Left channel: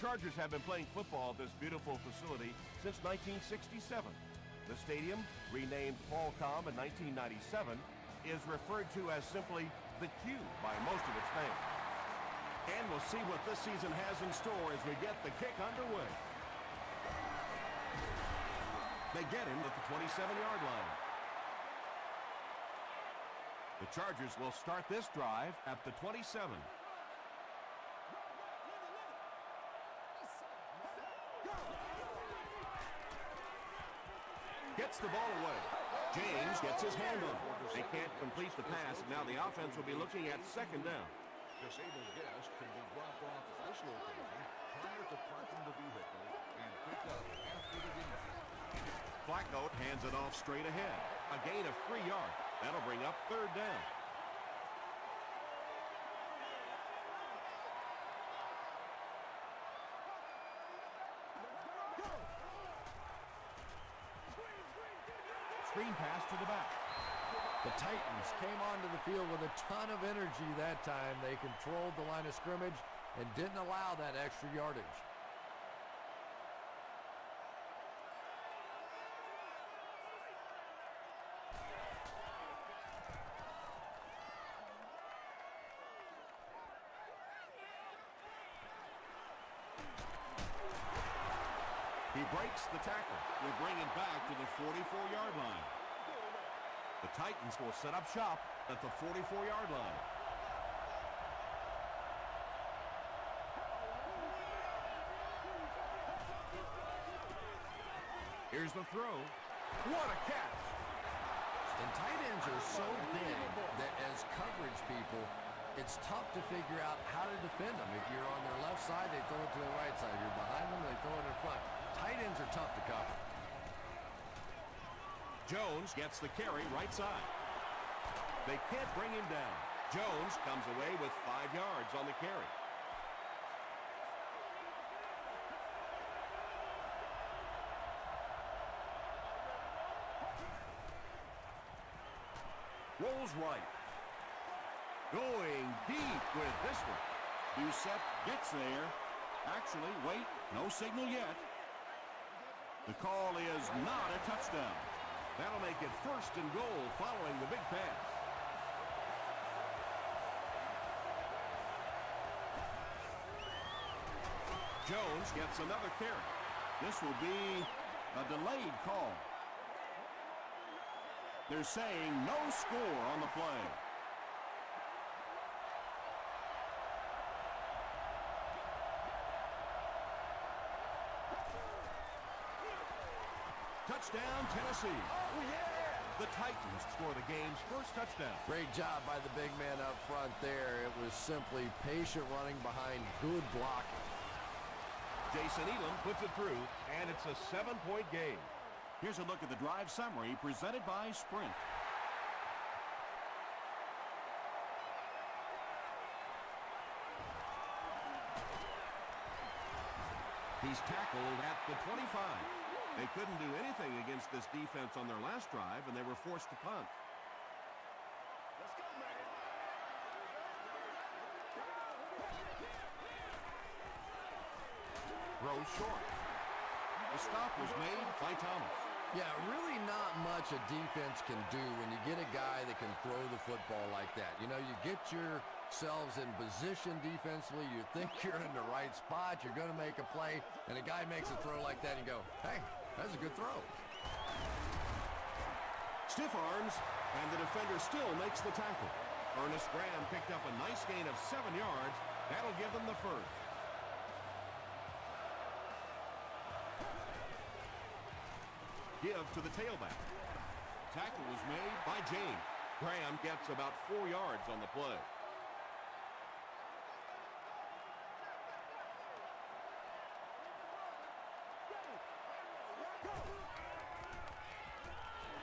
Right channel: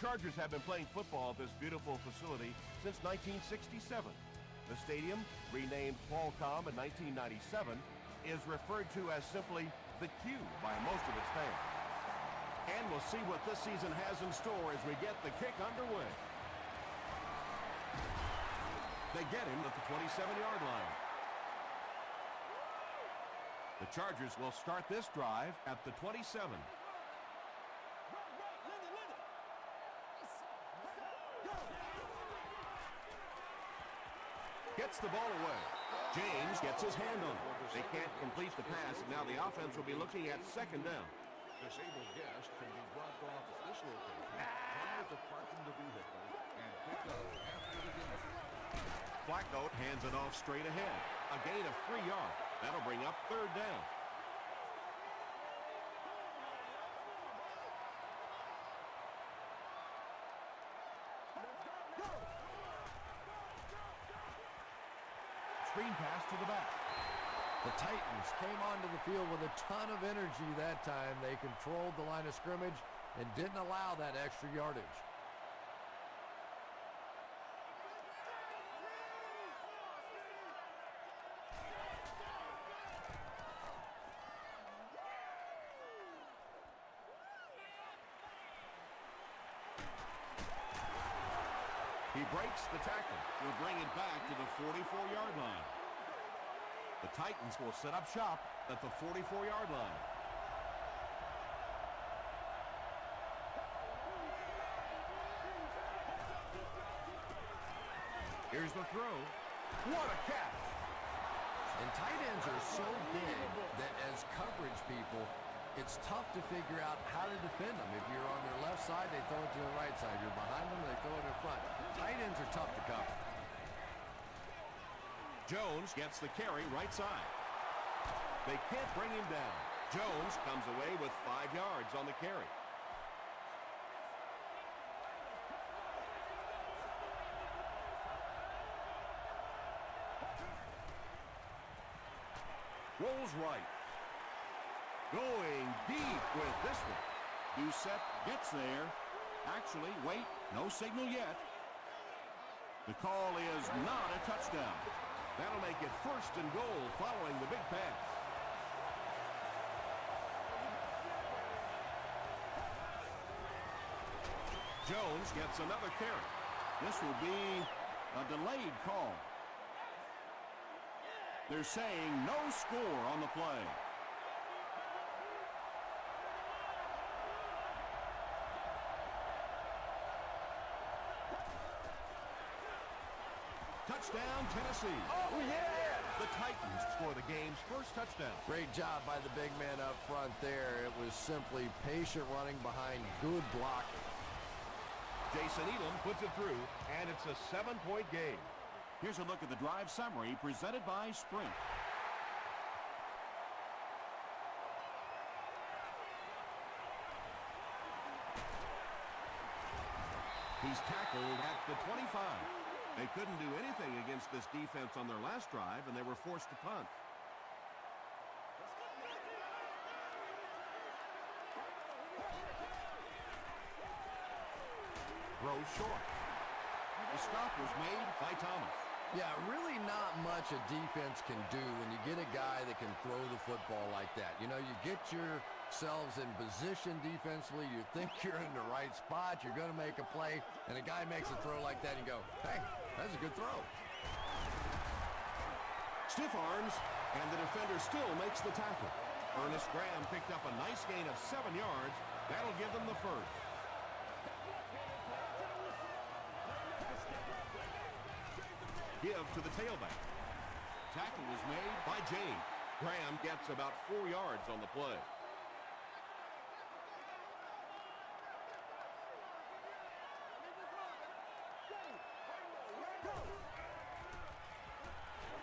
Chargers have been playing football at this beautiful facility since 1967. The stadium, renamed Qualcomm in 1997, is referred to as simply the Q by most of its fans. And we'll see what this season has in store as we get the kick underway. They get him at the 27-yard line. The Chargers will start this drive at the 27. Gets the ball away. James gets his hand on it. They can't complete the pass, and now the offense will be looking at second down. Disabled guest can be dropped off at this location prior to parking the vehicle and picked up after the game. Flacco hands it off straight ahead. A gain of 3 yards. That'll bring up third down. Screen pass to the back. The Titans came onto the field with a ton of energy that time. They controlled the line of scrimmage and didn't allow that extra yardage. He breaks the tackle. He'll bring it back to the 44-yard line. The Titans will set up shop at the 44-yard line. Here's the throw. What a catch! And tight ends are so big that as coverage people, it's tough to figure out how to defend them. If you're on their left side, they throw it to the right side. If you're behind them, they throw it in front. Tight ends are tough to cover. Jones gets the carry right side. They can't bring him down. Jones comes away with 5 yards on the carry. Rolls right. Going deep with this one. Doucette gets there. Actually, wait, no signal yet. The call is not a touchdown. That'll make it 1st and goal following the big pass. Jones gets another carry. This will be a delayed call. They're saying no score on the play. Touchdown, Tennessee. Oh, yeah! The Titans score the game's first touchdown. Great job by the big man up front there. It was simply patient running behind good blocking. Jason Elam puts it through, and it's a 7-point game. Here's a look at the drive summary presented by Sprint. He's tackled at the 25. They couldn't do anything against this defense on their last drive, and they were forced to punt. Let's go, man. Throws short. The stop was made by Thomas. Yeah, really not much a defense can do when you get a guy that can throw the football like that. You know, you get yourselves in position defensively, you think you're in the right spot, you're going to make a play, and a guy makes a throw like that and you go, hey, that's a good throw. Stiff arms, and the defender still makes the tackle. Ernest Graham picked up a nice gain of 7 yards. That'll give them the first. Give to the tailback. Tackle was made by James. Graham gets about 4 yards on the play.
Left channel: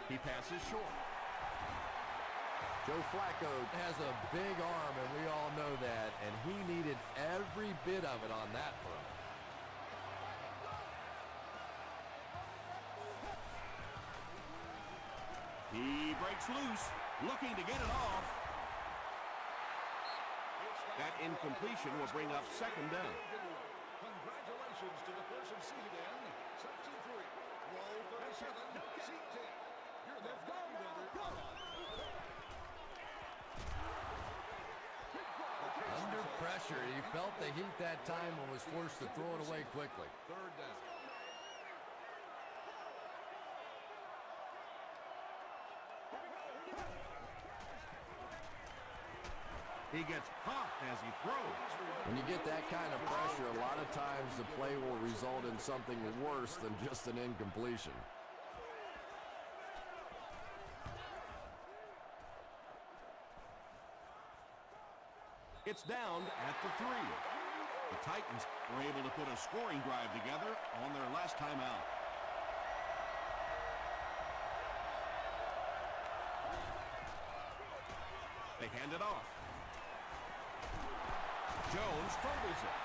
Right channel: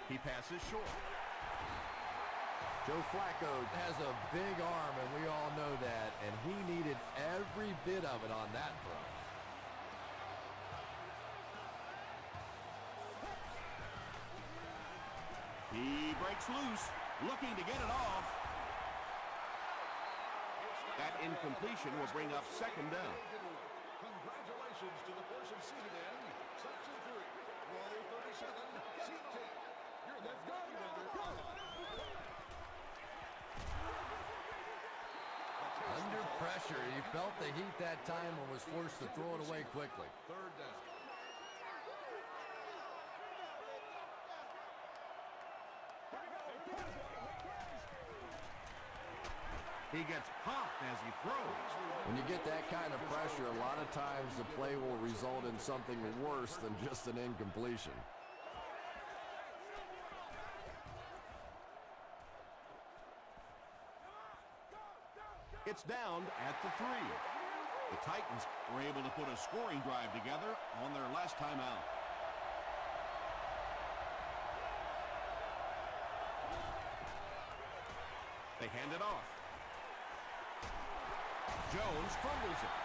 He passes short. Joe Flacco has a big arm, and we all know that, and he needed every bit of it on that throw. He breaks loose, looking to get it off. That incompletion will bring up second down. Instructions to the person seated in Section 3. Row 37, Seat 10. Let's go now. Go! Under pressure, he felt the heat that time and was forced to throw it away quickly. Third down. He gets popped as he throws. When you get that kind of pressure, a lot of times the play will result in something worse than just an incompletion. It's down at the 3. The Titans were able to put a scoring drive together on their last time out. They hand it off. Jones fumbles it.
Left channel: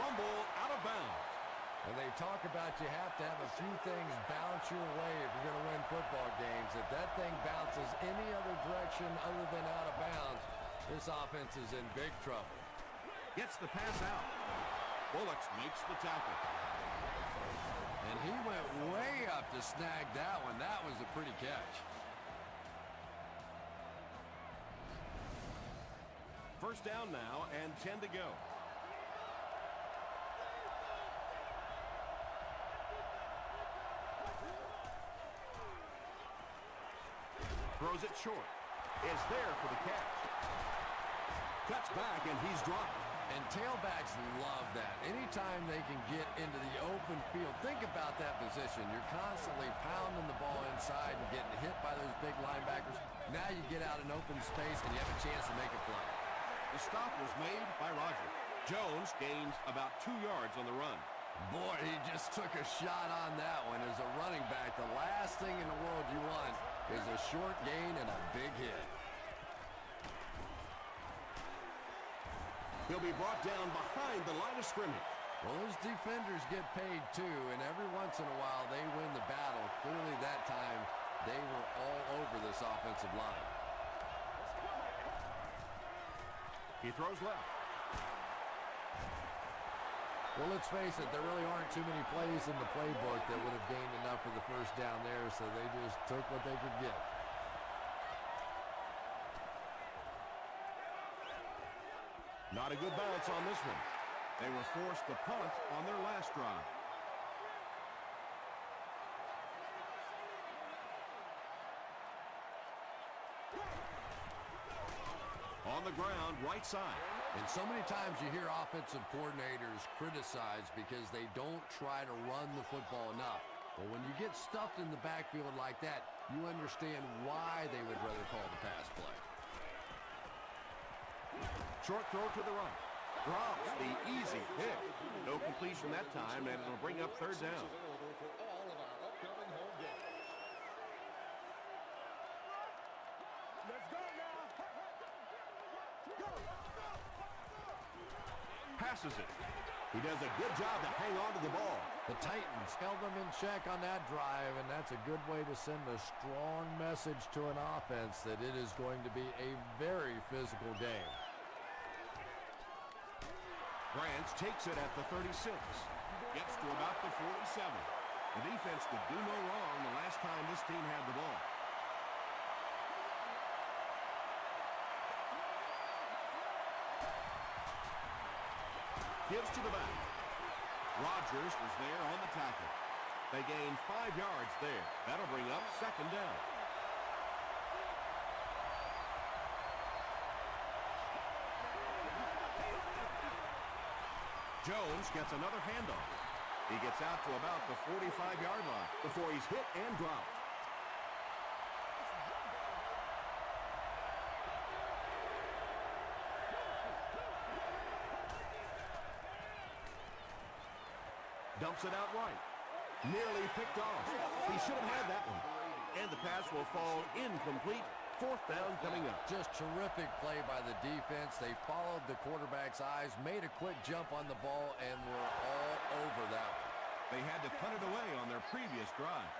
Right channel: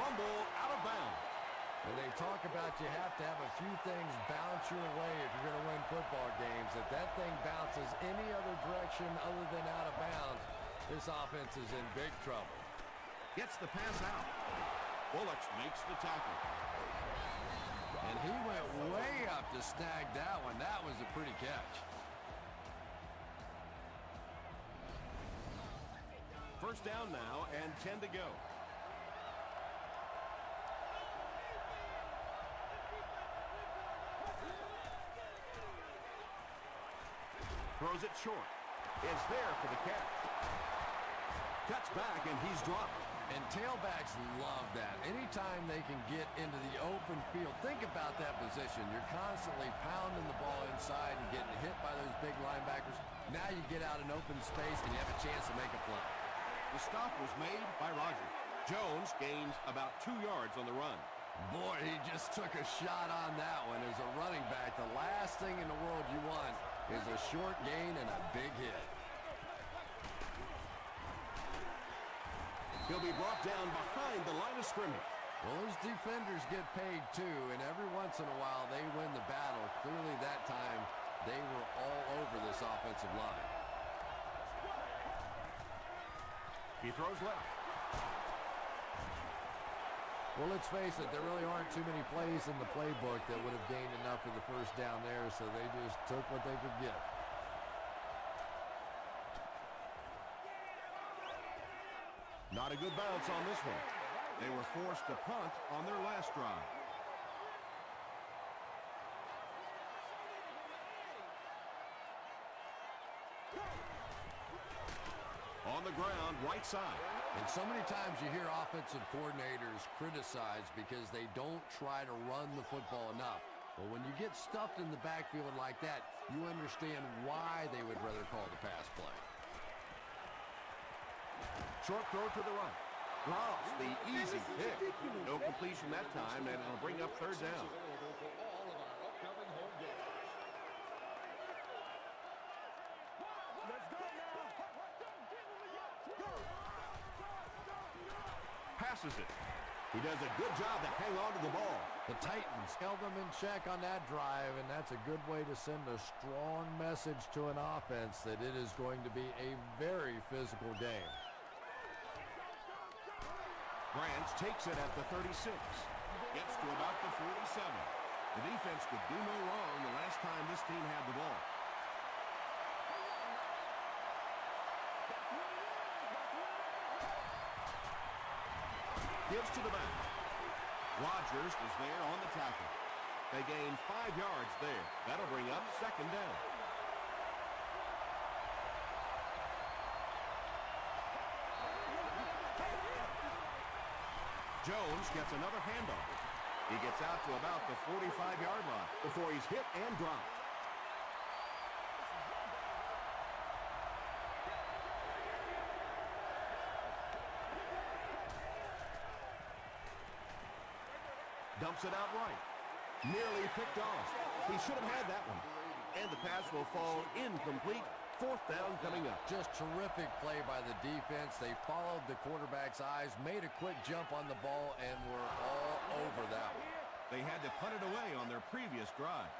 Fumble out of bounds. And they talk about you have to have a few things bounce your way if you're going to win football games. If that thing bounces any other direction other than out of bounds, this offense is in big trouble. Gets the pass out. Bullocks makes the tackle. And he went way up to snag that one. That was a pretty catch. First down now and 10 to go. Throws it short. It's there for the catch. Cuts back and he's dropped. And tailbacks love that. Anytime they can get into the open field, think about that position. You're constantly pounding the ball inside and getting hit by those big linebackers. Now you get out in open space and you have a chance to make a play. The stop was made by Roger. Jones gains about 2 yards on the run. Boy, he just took a shot on that one. As a running back, the last thing in the world you want is a short gain and a big hit. He'll be brought down behind the line of scrimmage. Well, those defenders get paid too, and every once in a while they win the battle. Clearly that time they were all over this offensive line. He throws left. Well, let's face it, there really aren't too many plays in the playbook that would have gained enough for the first down there, so they just took what they could get. Not a good bounce on this one. They were forced to punt on their last drive. On the ground, right side. And so many times you hear offensive coordinators criticized because they don't try to run the football enough. But when you get stuffed in the backfield like that, you understand why they would rather call the pass play. Short throw to the right. Drops the easy pick. No completion that time, and it'll bring up third down. For all of our upcoming home games. Let's go now. Don't give him a yet. Go. Passes it. He does a good job to hang on to the ball. The Titans held them in check on that drive, and that's a good way to send a strong message to an offense that it is going to be a very physical game. Branch takes it at the 36. Gets to about the 47. The defense could do no wrong the last time this team had the ball. Gives to the back. Rodgers is there on the tackle. They gain 5 yards there. That'll bring up second down. Jones gets another handoff. He gets out to about the 45-yard line before he's hit and dropped. Dumps it out right. Nearly picked off. He should have had that one. And the pass will fall incomplete. Fourth down coming up. Just terrific play by the defense. They followed the quarterback's eyes, made a quick jump on the ball, and were all over that one. They had to punt it away on their previous drive.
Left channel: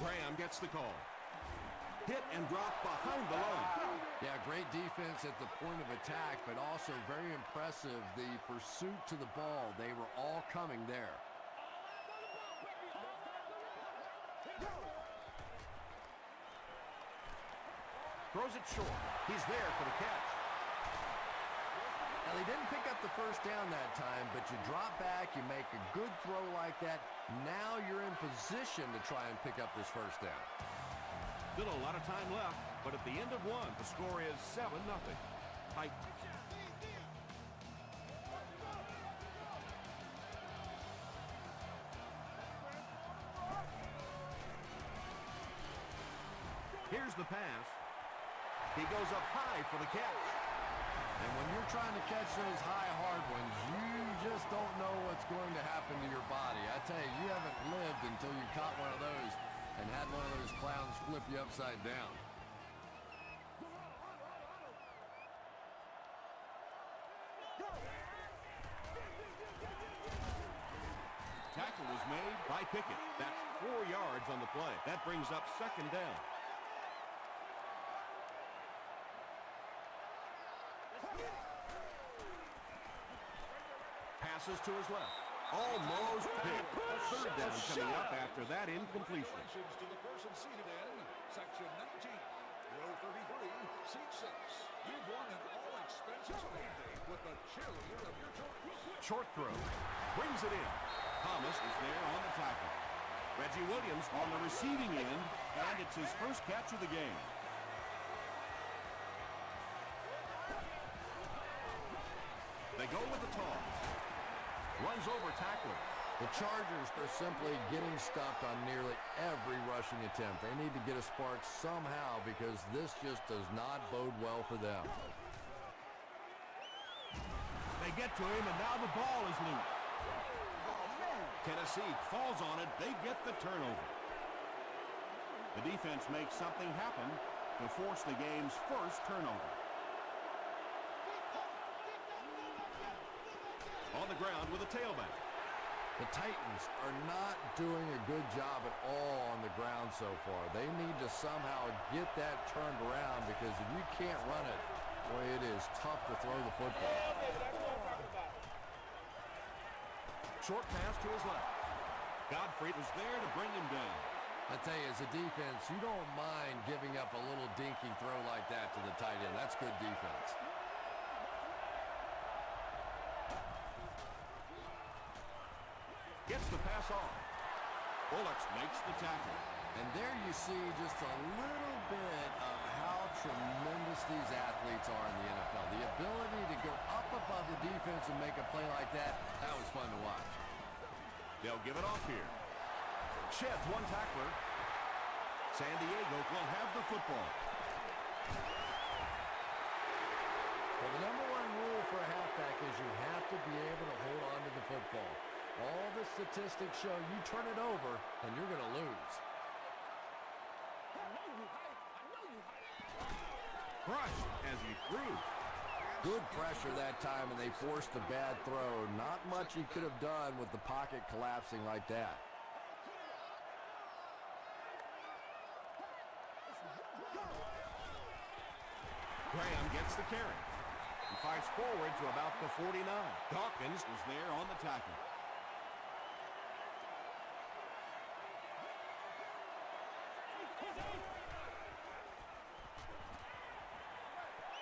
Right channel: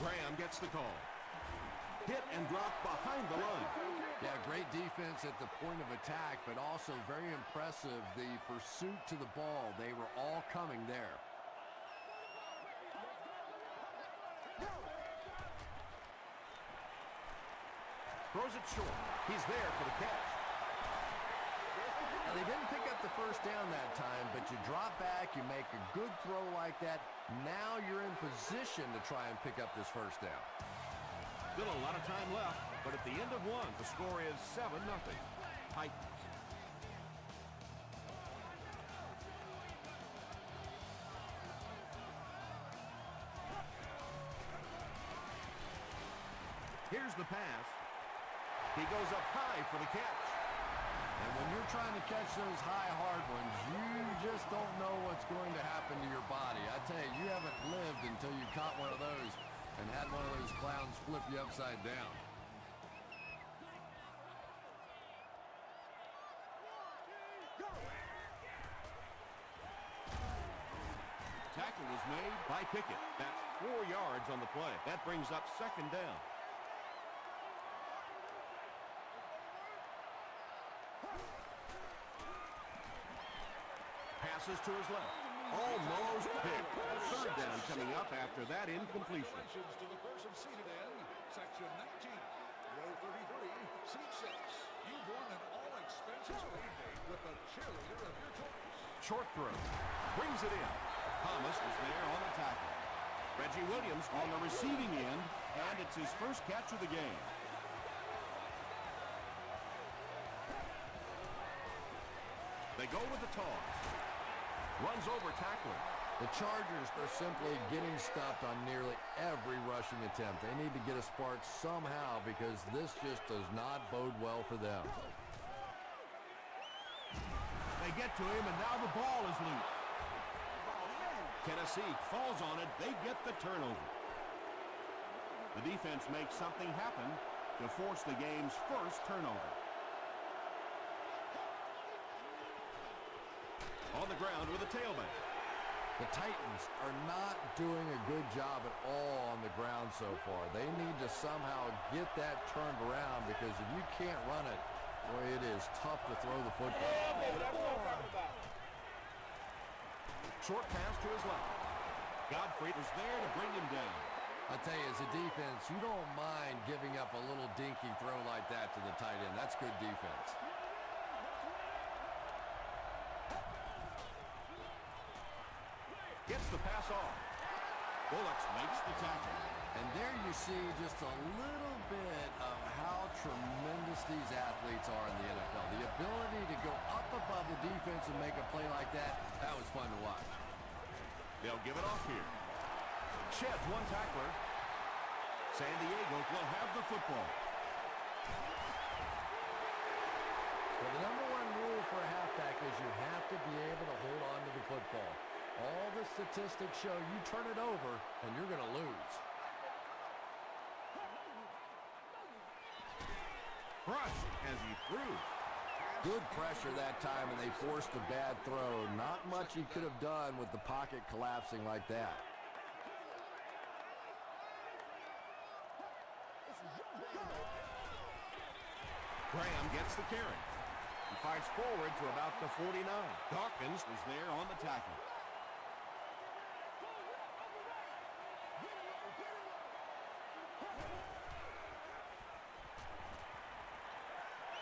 Graham gets the call. Hit and drop behind the load. Yeah, great defense at the point of attack, but also very impressive the pursuit to the ball. They were all coming there. Throws it short. He's there for the catch. Now, they didn't pick up the first down that time, but you drop back, you make a good throw like that. Now you're in position to try and pick up this first down. Still a lot of time left, but at the end of one, the score is 7-0. Titans. Here's the pass. He goes up high for the catch. And when you're trying to catch those high, hard ones, you just don't know what's going to happen to your body. I tell you, you haven't lived until you caught one of those and had one of those clowns flip you upside down. Tackle was made by Pickett. That's 4 yards on the play. That brings up second down. Passes to his left. Almost picked. Third down coming up after that incompletion. Congratulations to the person seated in section 19, row 33, seat 6. You've won an all-expenses birthday with the cheerleader of your choice. Short throw. Brings it in. Thomas is there on the tackle. Reggie Williams on the receiving end, and it's his first catch of the game. They go with the toss. Runs over tackler. The Chargers are simply getting stopped on nearly every rushing attempt. They need to get a spark somehow because this just does not bode well for them. They get to him, and now the ball is loose. Tennessee falls on it. They get the turnover. The defense makes something happen to force the game's first turnover. On the ground with a tailback. The Titans are not doing a good job at all on the ground so far. They need to somehow get that turned around because if you can't run it, boy, it is tough to throw the football. Yeah, baby, that's what I'm talking about. Short pass to his left. Godfrey was there to bring him down. I tell you, as a defense, you don't mind giving up a little dinky throw like that to the tight end. That's good defense. Gets the pass off. Bullocks makes the tackle. And there you see just a little bit of how tremendous these athletes are in the NFL. The ability to go up above the defense and make a play like that, that was fun to watch. They'll give it off here. Sheds one tackler. San Diego will have the football. Well, the number one rule for a halfback is you have to be able to hold on to the football. All the statistics show you turn it over and you're going to lose. Crushed as he threw. Good pressure that time, and they forced a bad throw. Not much he could have done with the pocket collapsing like that. Graham gets the carry. He fights forward to about the 49. Dawkins was there on the tackle.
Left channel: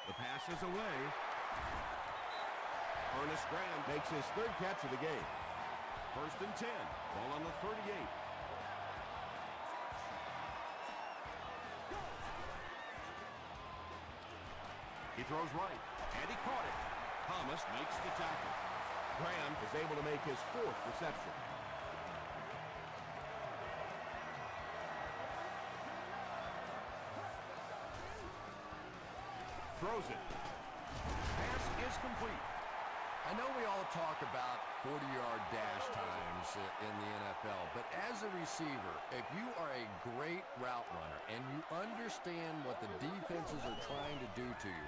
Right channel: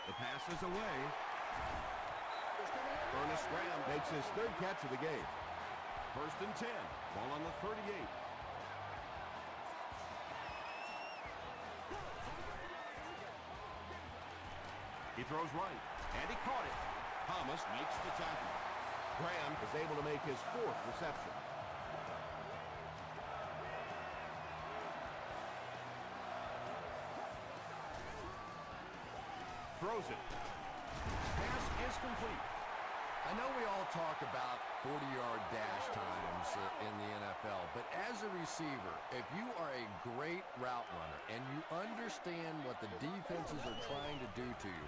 The pass is away. Ernest Graham makes his third catch of the game. 1st and 10. Ball on the 38. He throws right, and he caught it. Thomas makes the tackle. Graham is able to make his 4th reception. Throws it. Pass is complete. I know we all talk about 40-yard dash times in the NFL, but as a receiver, if you are a great route runner and you understand what the defenses are trying to do to you,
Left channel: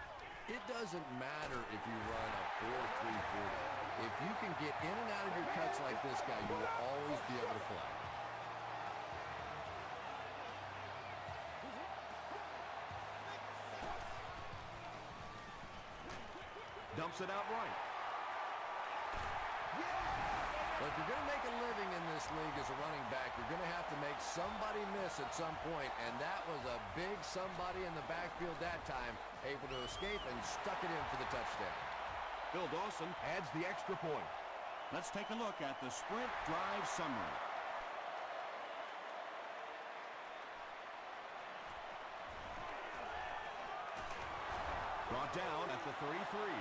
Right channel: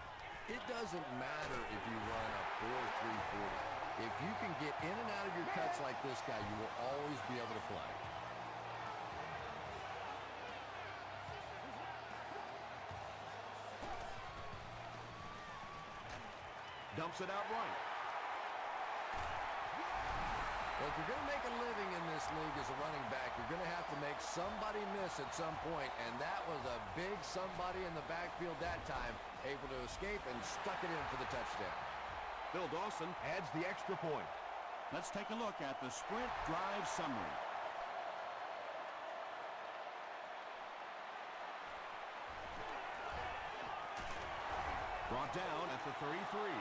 it doesn't matter if you run a 4.340. If you can get in and out of your cuts like this guy, you will always be able to play. dumps it out right. Well, if you're going to make a living in this league as a running back, you're going to have to make somebody miss at some point, and that was a big somebody in the backfield that time, able to escape and stuck it in for the touchdown. Phil Dawson adds the extra point. Let's take a look at the sprint drive summary. Brought down at the 33.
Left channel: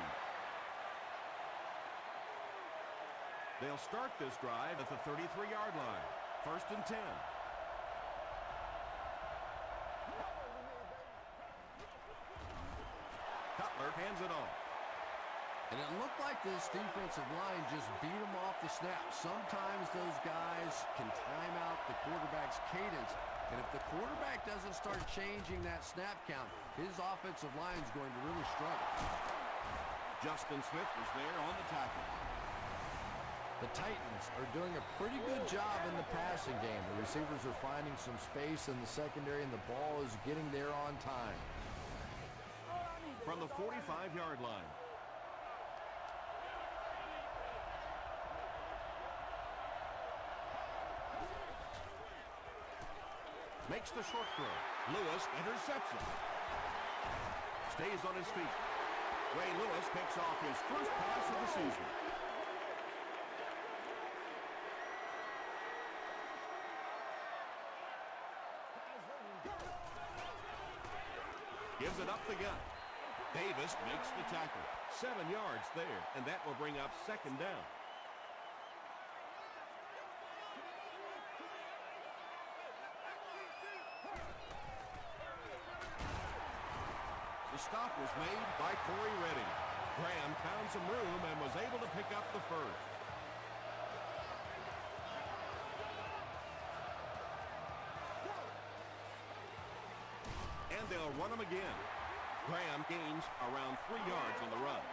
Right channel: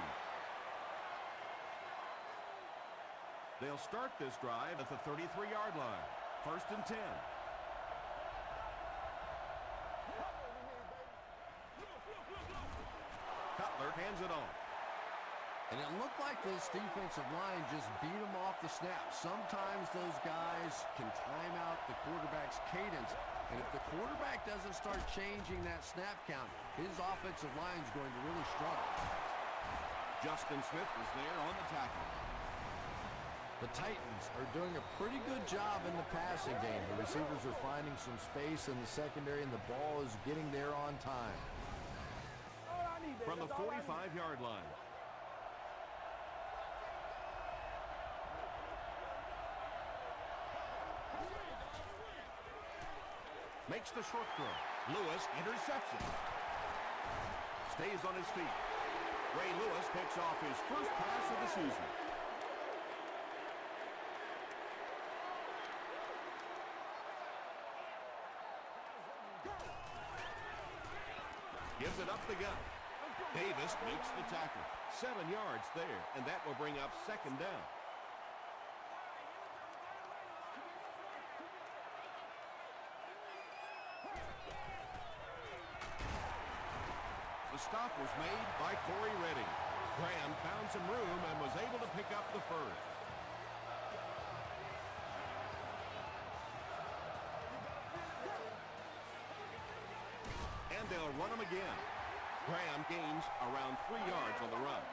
They'll start this drive at the 33-yard line. 1st and 10. Cutler hands it off. And it looked like this defensive line just beat him off the snap. Sometimes those guys can time out the quarterback's cadence. And if the quarterback doesn't start changing that snap count, his offensive line is going to really struggle. Justin Smith was there on the tackle. The Titans are doing a pretty good job in the passing game. The receivers are finding some space in the secondary, and the ball is getting there on time. From the 45-yard line. Makes the short throw. Lewis intercepts it. Stays on his feet. Ray Lewis picks off his first pass of the season. Gives it up the gut. Davis makes the tackle. 7 yards there, and that will bring up 2nd down. The stop was made by Corey Redding. Graham found some room and was able to pick up the first. And they'll run him again. Graham gains around 3 yards on the run.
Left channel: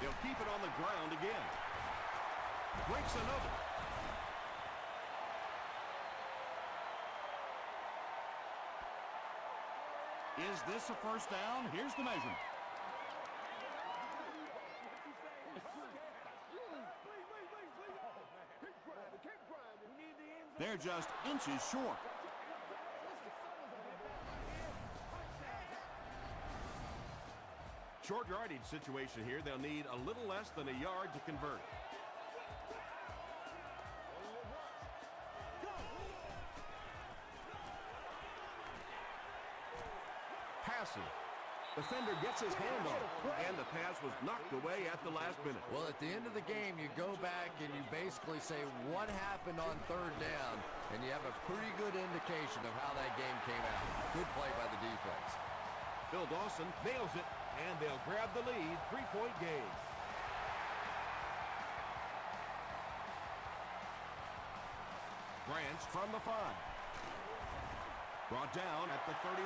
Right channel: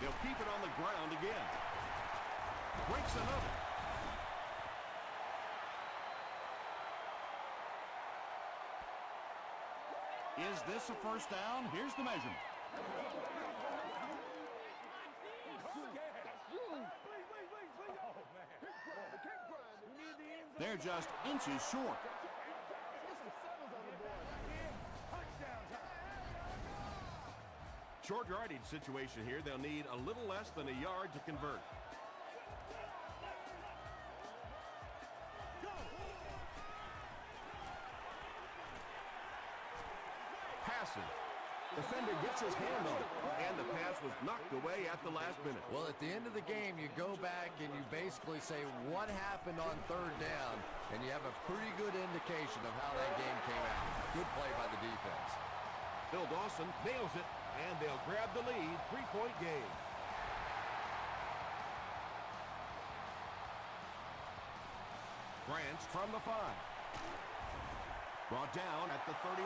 They'll keep it on the ground again. Breaks another. Is this a first down? Here's the measurement. They're just inches short. Short yardage situation here. They'll need a little less than a yard to convert. Passing. Defender gets his hand on it, and the pass was knocked away at the last minute. Well, at the end of the game, you go back and you basically say what happened on 3rd down, and you have a pretty good indication of how that game came out. Good play by the defense. Phil Dawson nails it, and they'll grab the lead. 3-point game. Branch from the 5. Brought down at the 31.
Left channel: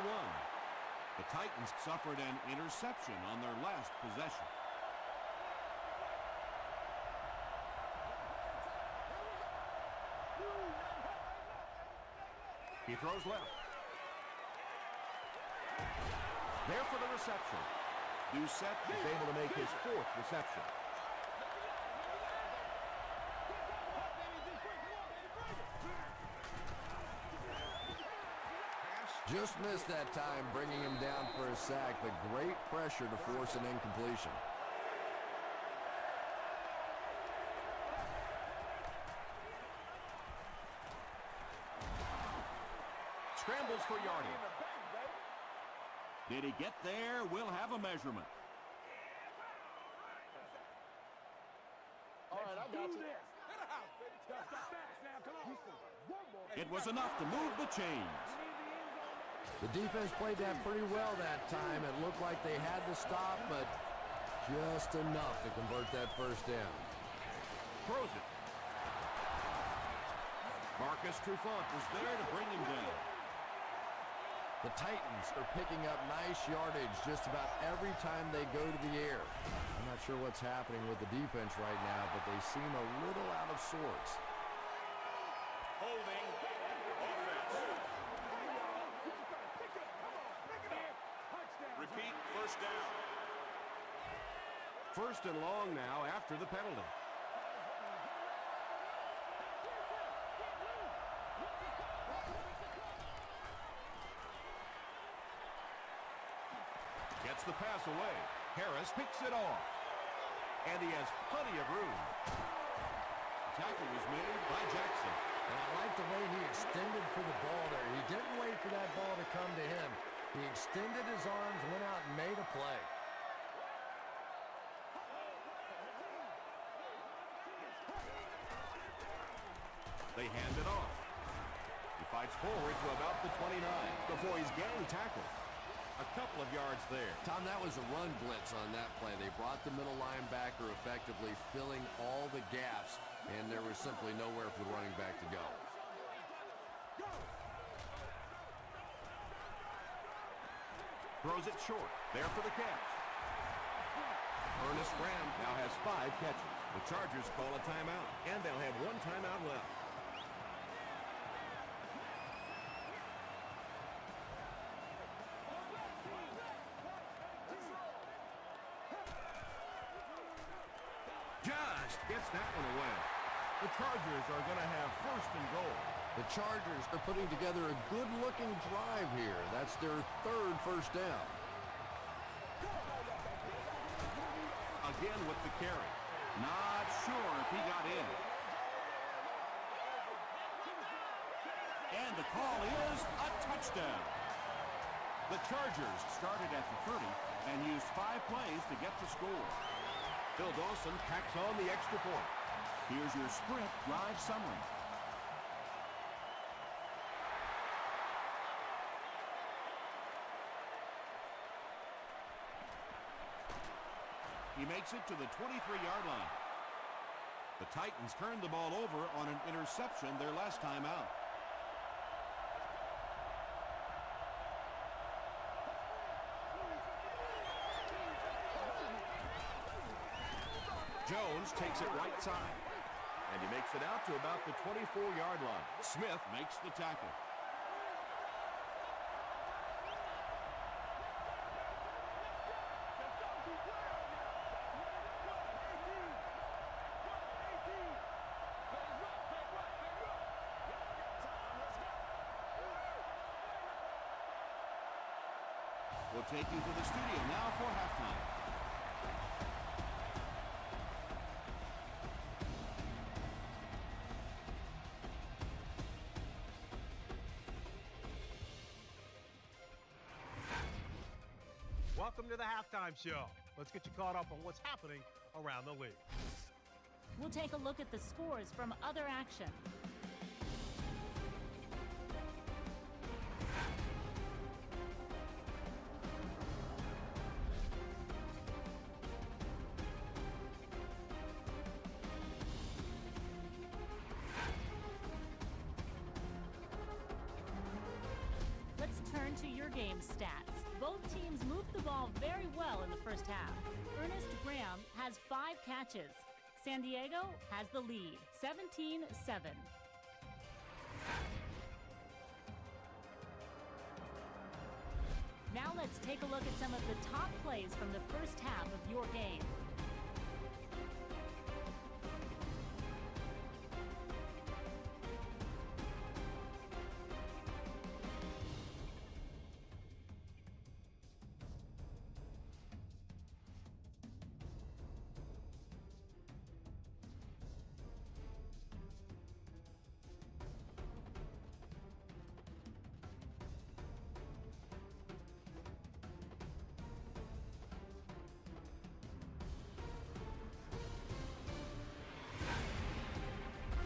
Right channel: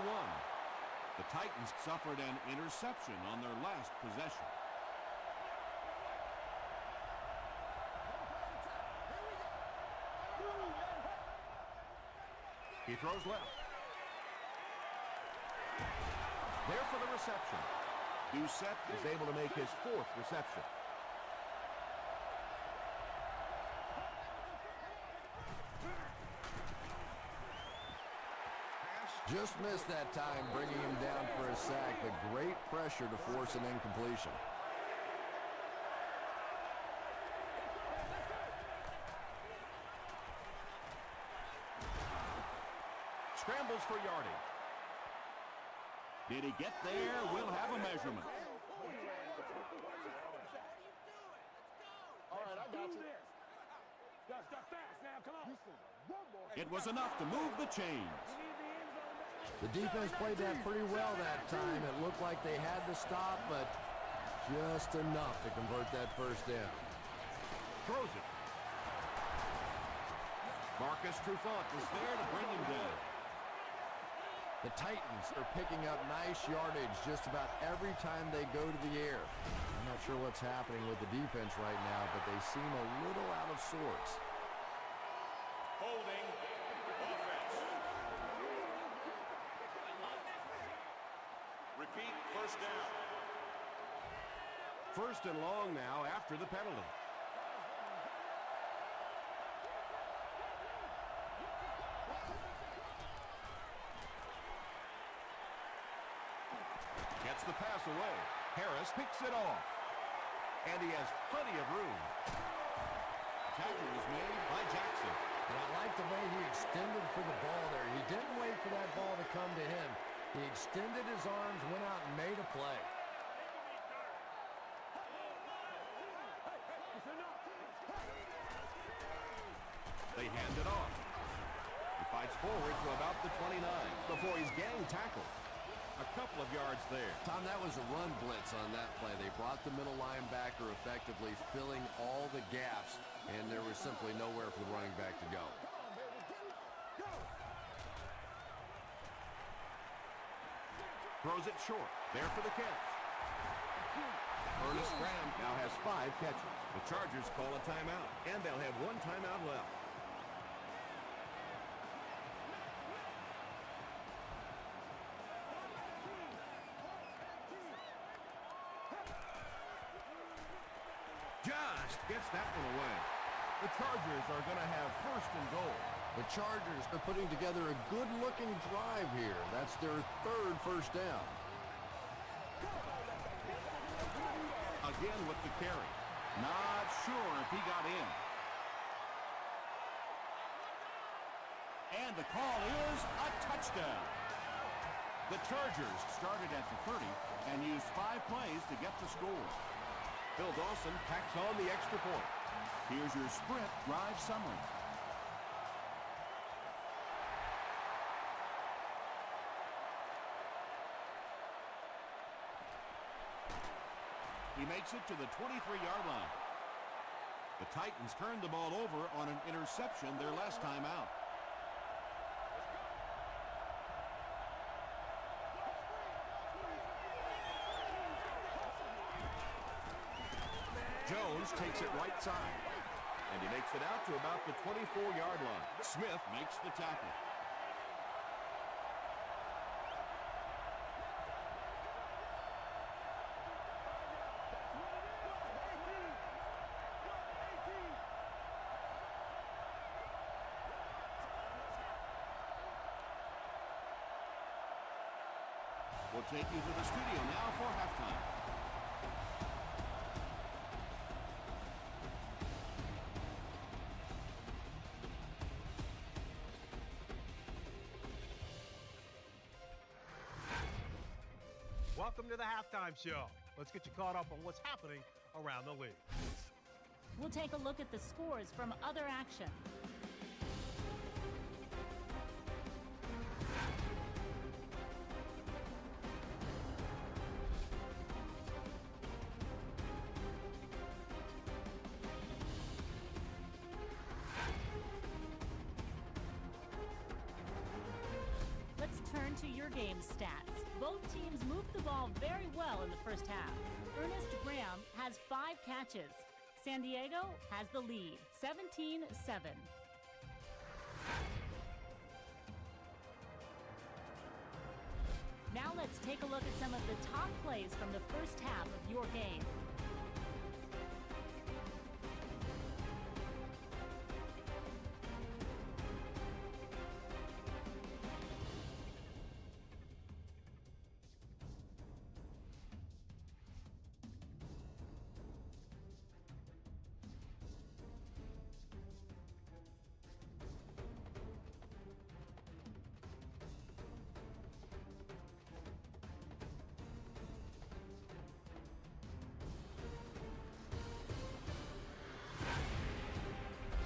The Titans suffered an interception on their last possession. He throws left. There for the reception. Doucette is able to make his 4th reception. Just missed that time, bringing him down for a sack, but great pressure to force an incompletion. Scrambles for yardage. Did he get there? We'll have a measurement. All right, I got you. Fast now, come on. It was enough to move the chains. The defense played that pretty well that time. It looked like they had the stop, but just enough to convert that 1st down. Throws it. Marcus Trufant was there to bring him down. The Titans are picking up nice yardage just about every time they go to the air. I'm not sure what's happening with the defense right now, but they seem a little out of sorts. repeat, first down. First and long now after the penalty. Gets the pass away. Harris picks it off. And he has plenty of room. Tackle was made by Jackson. And I like the way he extended for the ball there. He didn't wait for that ball to come to him. He extended his arms, went out and made a play. They hand it off. He fights forward to about the 29 before he's gang tackled. A couple of yards there. Tom, that was a run blitz on that play. They brought the middle linebacker effectively filling all the gaps, and there was simply nowhere for the running back to go. Throws it short. There for the catch. Ernest Graham now has 5 catches. The Chargers call a timeout, and they'll have 1 timeout left. Just gets that one away. The Chargers are going to have first and goal. The Chargers are putting together a good-looking drive here. That's their 3rd first down. Again with the carry. Not sure if he got in. And the call is a touchdown. The Chargers started at the 30 and used 5 plays to get the score. Phil Dawson tacks on the extra point. Here's your sprint drive summary. He makes it to the 23-yard line. The Titans turned the ball over on an interception their last time out. Jones takes it right side, and he makes it out to about the 24-yard line. Smith makes the tackle. We'll take you to the studio now for halftime. Welcome to the halftime show. Let's get you caught up on what's happening around the league. We'll take a look at the scores from other action. Let's turn to your game stats. Both teams moved the ball very well in the first half. Ernest Graham has 5 catches. San Diego has the lead, 17-7. Now let's take a look at some of the top plays from the first half of your game.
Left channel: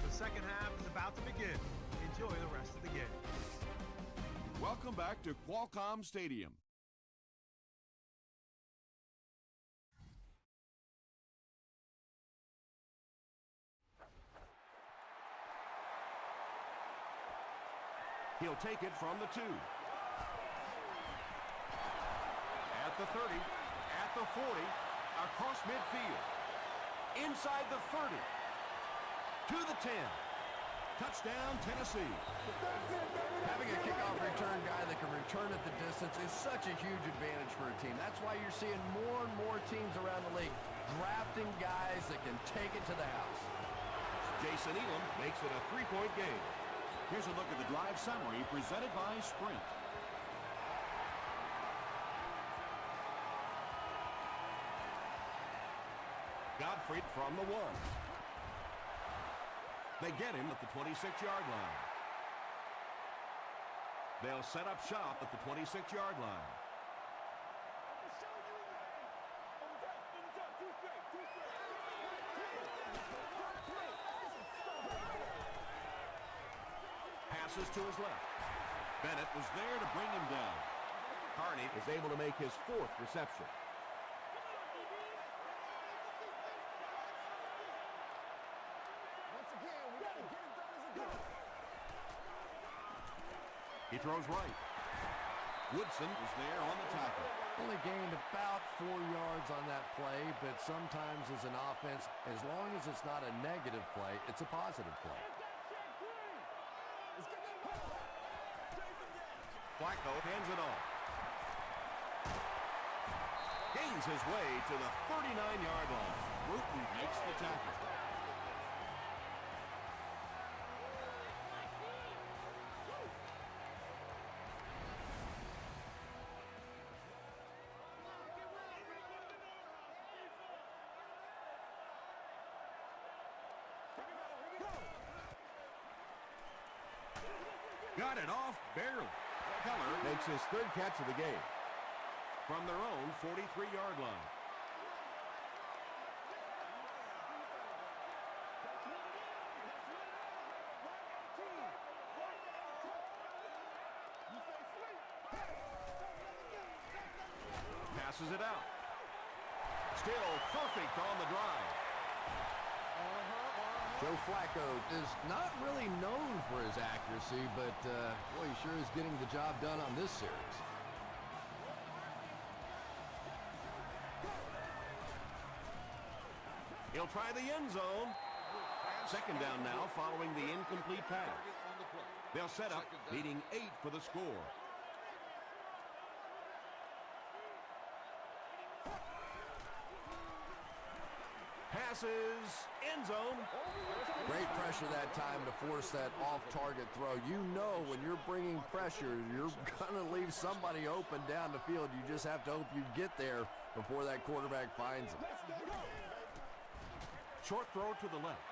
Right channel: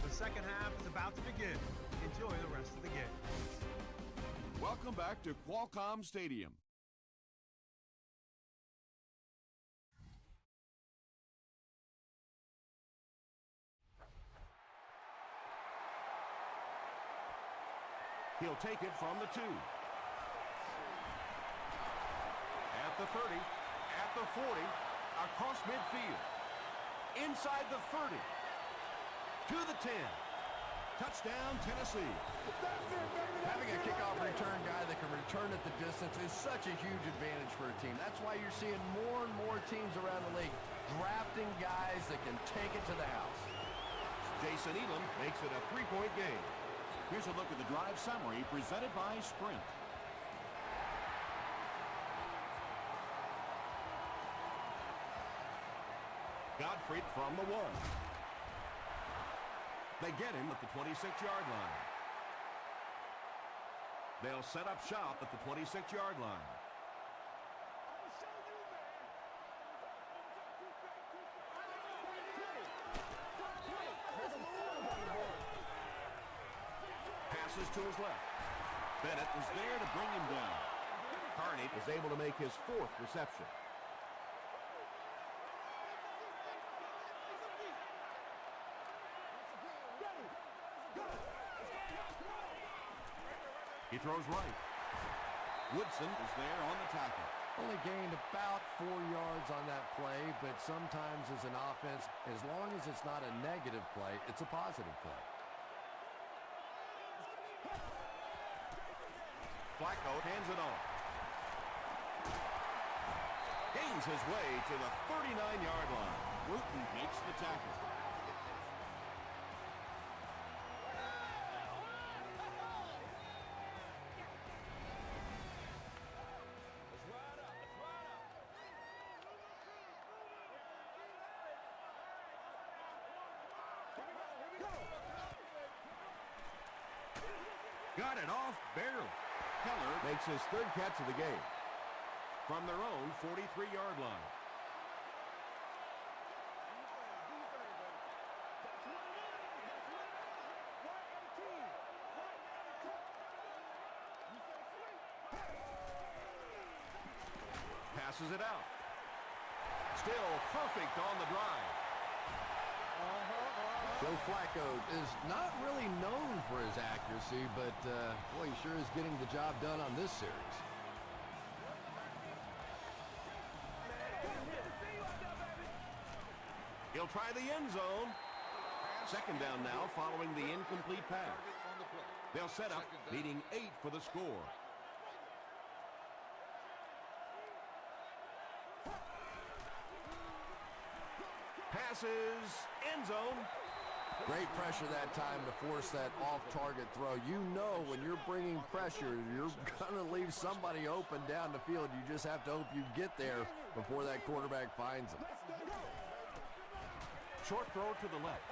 The second half is about to begin. Enjoy the rest of the game. Welcome back to Qualcomm Stadium. He'll take it from the 2. At the 30, at the 40, across midfield. Inside the 30. To the 10. Touchdown, Tennessee. Having a kickoff return guy that can return at the distance is such a huge advantage for a team. That's why you're seeing more and more teams around the league drafting guys that can take it to the house. Jason Elam makes it a 3-point game. Here's a look at the drive summary presented by Sprint. Gottfried from the 1. They get him at the 26-yard line. They'll set up shop at the 26-yard line. Passes to his left. Bennett was there to bring him down. Carney is able to make his 4th reception. He throws right. Woodson was there on the tackle. Only gained about 4 yards on that play, but sometimes as an offense, as long as it's not a negative play, it's a positive play. Flacco hands it off. Gains his way to the 39-yard line. Bruton makes the tackle. Got it off barely. Keller makes his 3rd catch of the game from their own 43-yard line. Passes it out. Still perfect on the drive. Joe Flacco is not really known for his accuracy, but boy, he sure is getting the job done on this series. He'll try the end zone. 2nd down now following the incomplete pass. They'll set up, needing 8 for the score. Passes, end zone. Great pressure that time to force that off-target throw. You know when you're bringing pressure, you're going to leave somebody open down the field. You just have to hope you get there before that quarterback finds him. Short throw to the left.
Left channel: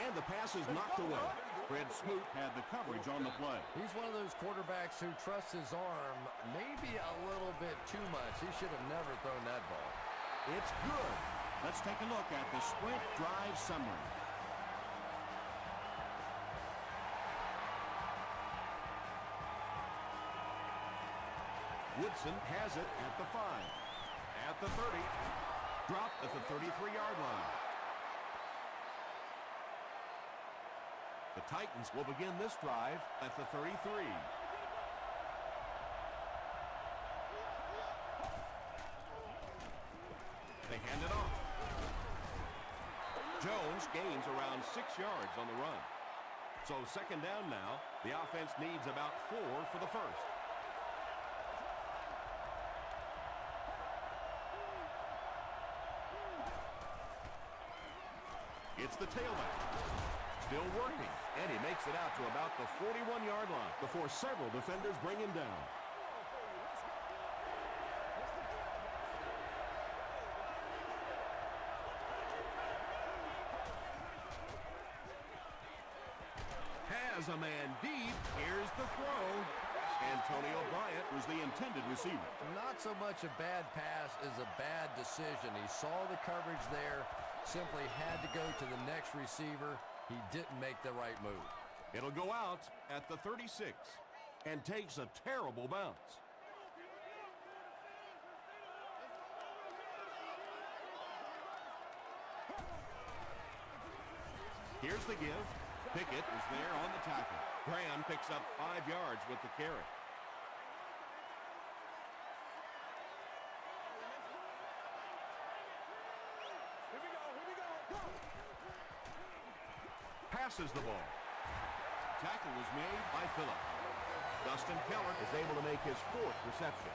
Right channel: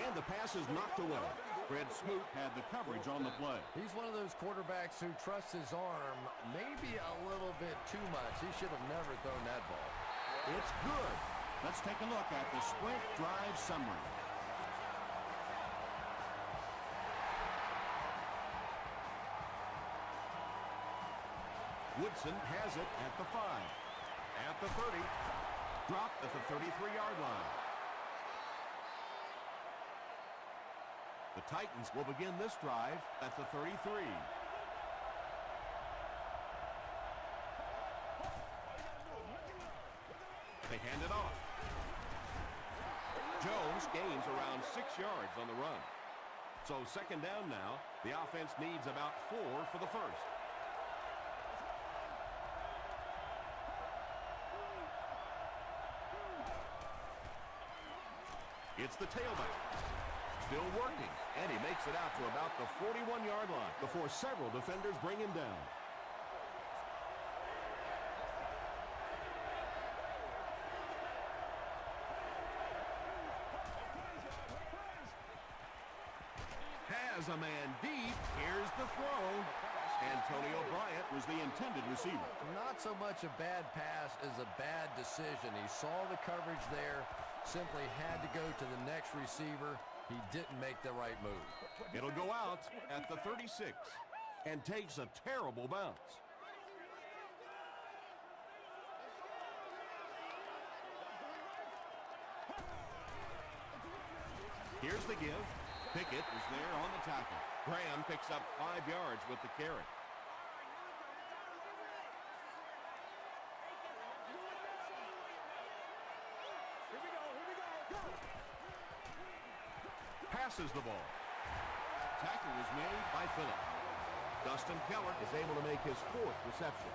And the pass is knocked away. Fred Smoot Had the coverage on the play. He's one of those quarterbacks who trusts his arm maybe a little bit too much. He should have never thrown that ball. It's good. Let's take a look at the Sprint drive summary. Woodson has it at the 5. At the 30. Dropped at the 33-yard line. The Titans will begin this drive at the 33. They hand it off. Jones gains around 6 yards on the run. So 2nd down now. The offense needs about 4 for the 1st. It's the tailback. Still working, and he makes it out to about the 41-yard line before several defenders bring him down. Has a man deep. Here's the throw. Antonio Bryant Was the intended receiver. Not so much a bad pass as a bad decision. He saw the coverage there, simply had to go to the next receiver. He didn't make the right move. It'll go out at the 36 and takes a terrible bounce. Here's the give. Pickett is there on the tackle. Graham picks up 5 yards with the carry. Passes the ball. tackle was made by Phillip. Dustin Keller is able to make his 4th reception.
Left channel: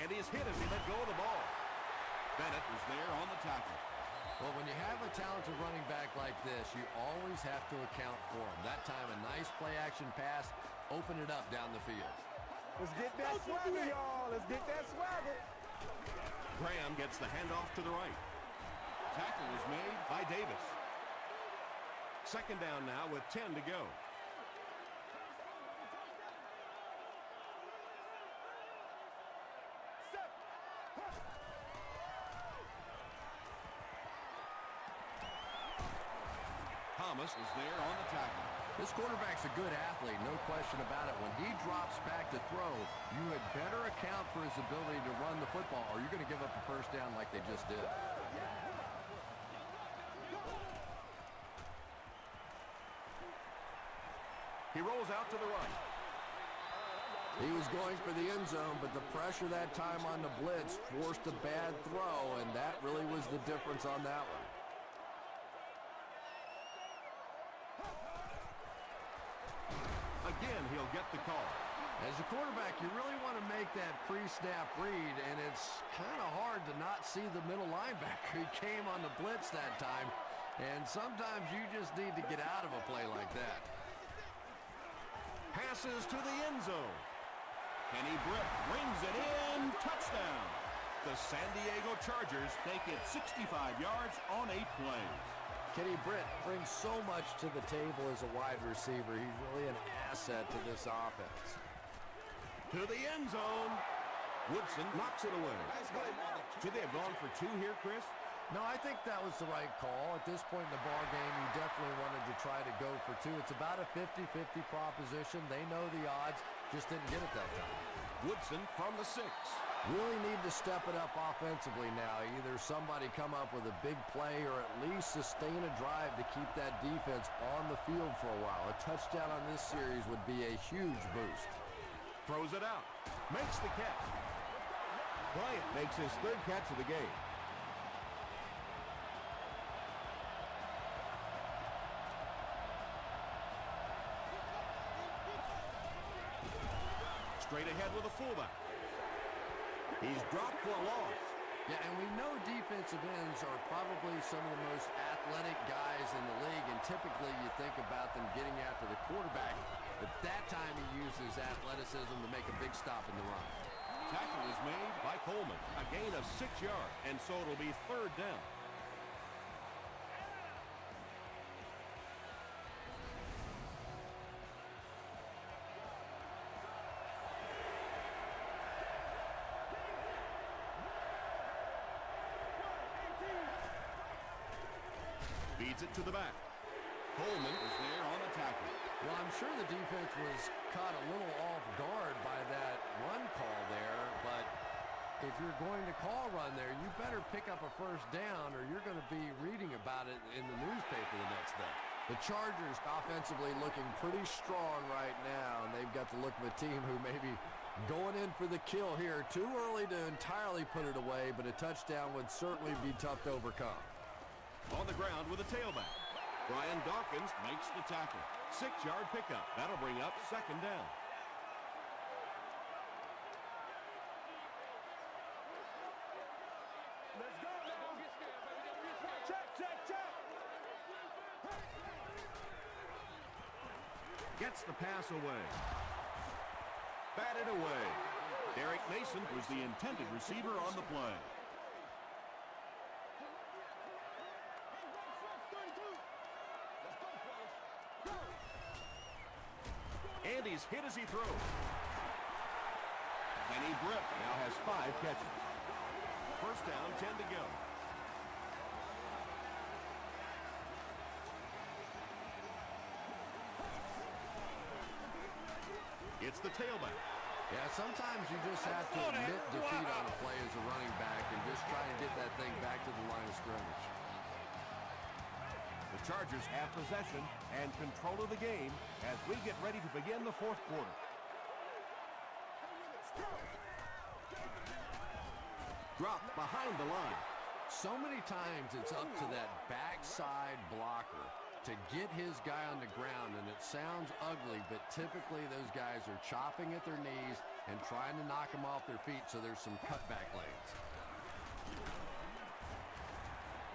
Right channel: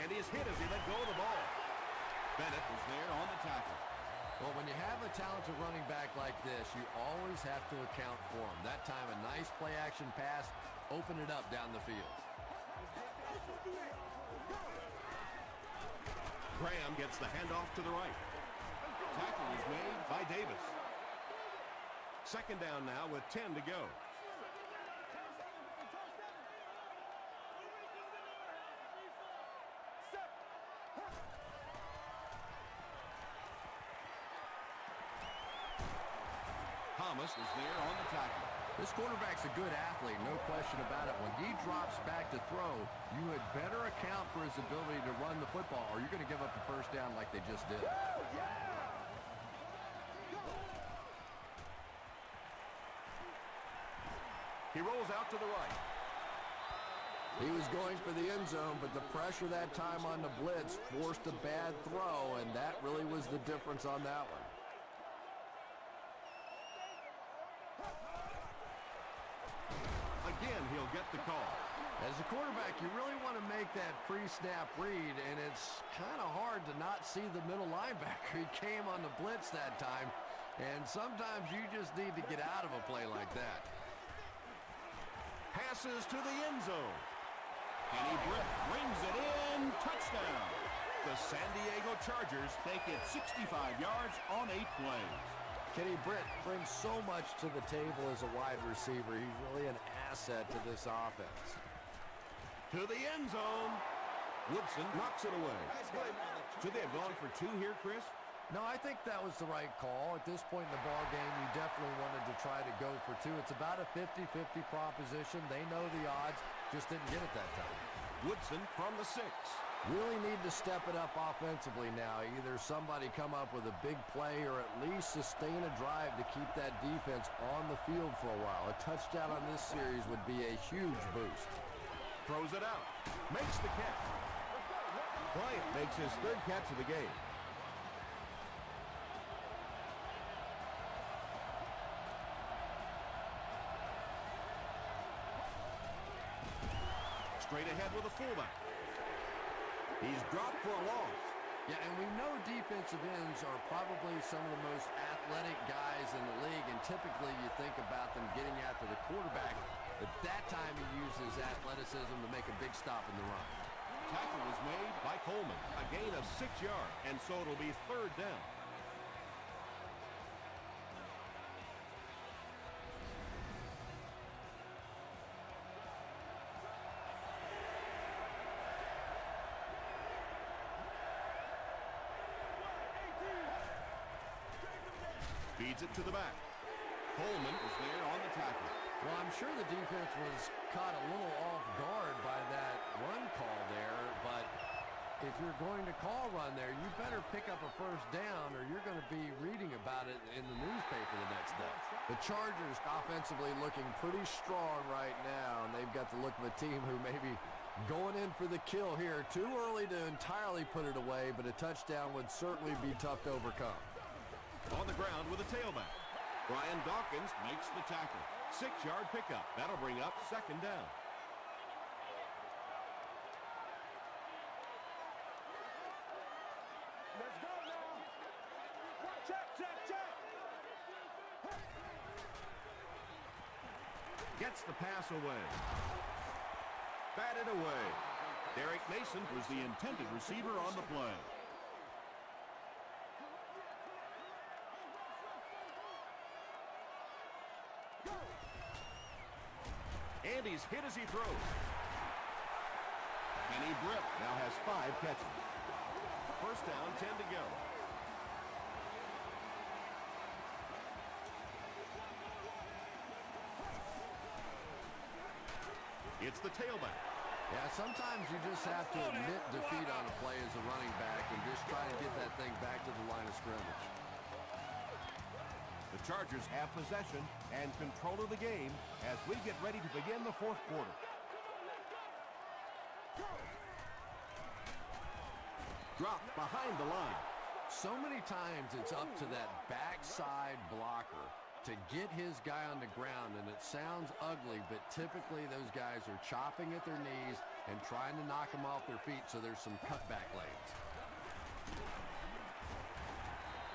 And he's hit as he let go of the ball. Bennett was there on the tackle. Well, when you have a talented running back like this, you always have to account for him. That time, a nice play-action pass, open it up down the field. Let's get that swagger, y'all. Let's get that swagger. Graham gets the handoff to the right. Tackle was made by Davis. 2nd down now with 10 to go. Thomas was there on the tackle. This quarterback's a good athlete, no question about it. When he drops back to throw, you had better account for his ability to run the football, or you're going to give up a 1st down like they just did. He rolls out to the right. He was going for the end zone, but the pressure that time on the blitz forced a bad throw, and that really was the difference on that one. Again, he'll get the call. As a quarterback, you really want to make that pre-snap read, and it's kind of hard to not see the middle linebacker. He came on the blitz that time, and sometimes you just need to get out of a play like that. Passes to the end zone. Kenny Britt brings it in. Touchdown. The San Diego Chargers Take it 65 yards on 8 plays. Kenny Britt brings so much to the table as a wide receiver. He's really an asset to this offense. to the end zone. Woodson knocks it away. Nice play. Should they have gone for 2 here, Chris? No, I think that was the right call. At this point in the ball game, you definitely wanted to try to go for 2. It's about a 50-50 proposition. They know the odds, just didn't get it that time. Woodson from the 6. Really need to step it up offensively now. Either somebody come up with a big play or at least sustain a drive to keep that defense on the field for a while. A touchdown on this series would be a huge boost. Throws it out. Makes the catch. Bryant makes his 3rd catch of the game. Straight ahead with a fullback. He's dropped for a loss. Yeah, and we know defensive ends are probably some of the most athletic guys in the league, and typically you think about them getting after the quarterback, but that time he uses athleticism to make a big stop in the run. Tackle was made by Coleman. A gain of 6 yards, and so it'll be 3rd down. Feeds it to the back. Coleman was there on the tackle. Well, I'm sure the defense was caught a little off guard by that run call there, but if you're going to call run there, you better pick up a 1st down or you're going to be reading about it in the newspaper the next day. The Chargers offensively looking pretty strong right now, and they've got the look of a team who may be going in for the kill here. Too early to entirely put it away, but a touchdown would certainly be tough to overcome. On the ground with a tailback. Brian Dawkins Makes the tackle. 6-yard pickup. That'll bring up 2nd down. Let's go now. Check. Gets the pass away. Batted away. Derek Mason Was the intended receiver on the play. and he's hit as he throws. Kenny Britt Now has 5 catches. 1st down, 10 to go. It's the tailback. Yeah, sometimes you just have to admit defeat on a play as a running back and just try and get that thing back to the line of scrimmage. The Chargers have possession and control of the game as we get ready to begin the 4th quarter. dropped behind the line. So many times it's up to that backside blocker to get his guy on the ground, and it sounds ugly, but typically those guys are chopping at their knees and trying to knock them off their feet, so there's some cutback lanes.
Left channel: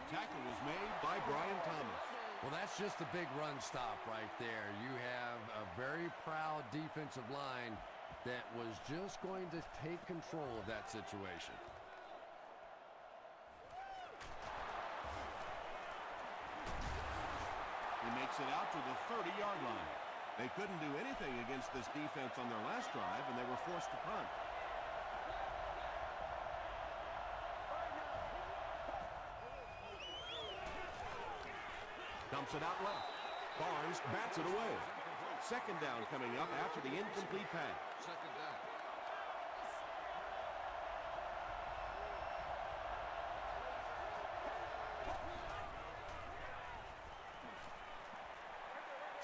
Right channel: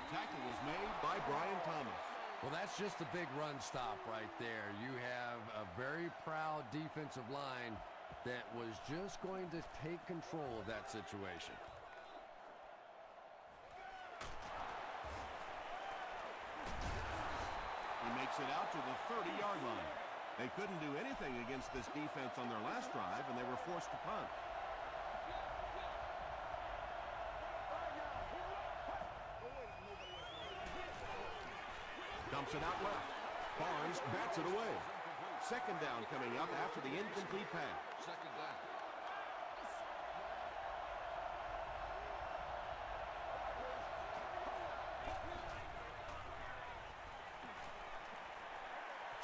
Tackle was made by Brian Thomas. Well, that's just a big run stop right there. You have a very proud defensive line that was just going to take control of that situation. He makes it out to the 30-yard line. They couldn't do anything against this defense on their last drive, and they were forced to punt. Dumps it out left. Barnes bats it away. Second down coming up after the incomplete pass. Second down.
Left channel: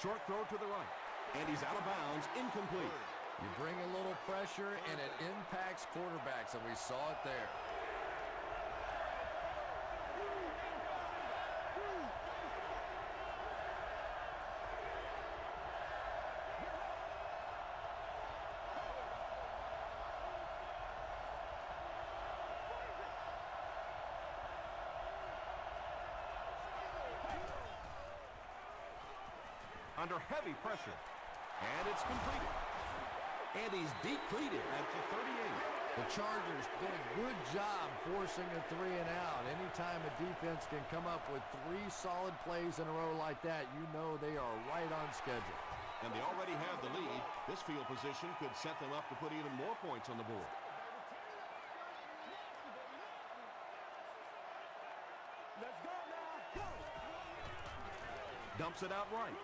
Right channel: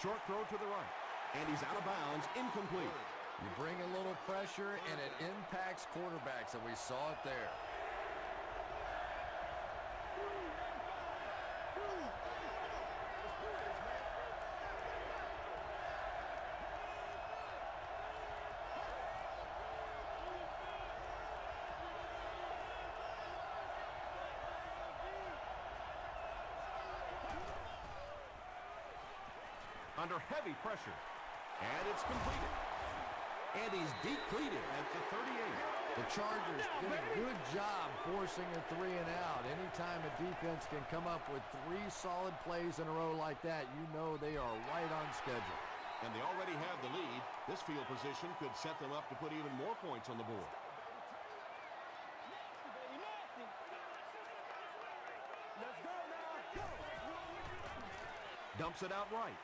Short throw to the right, and he's out of bounds, incomplete. You bring a little pressure, and it impacts quarterbacks, and we saw it there. Under heavy pressure, and it's completed. And he's depleted at the 38. The Chargers did a good job forcing a 3 and out. Anytime a defense can come up with 3 solid plays in a row like that, you know they are right on schedule. And they already have the lead. This field position could set them up to put even more points on the board. Let's go now. Go. Dumps it out right.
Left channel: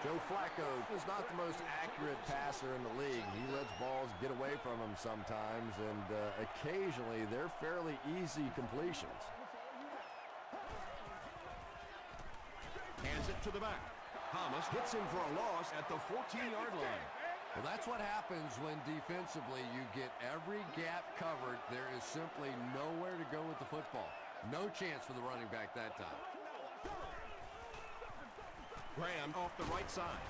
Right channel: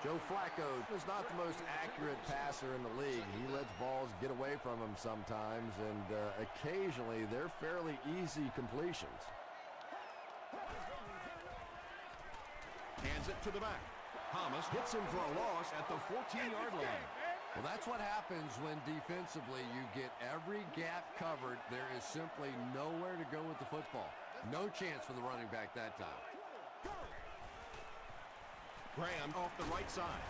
Joe Flacco is not the most accurate passer in the league. He lets balls get away from him sometimes, and occasionally they're fairly easy completions. Hands it to the back. Thomas hits him for a loss at the 14-yard line. Well, that's what happens when defensively you get every gap covered. There is simply nowhere to go with the football. No chance for the running back that time. Graham off the right side.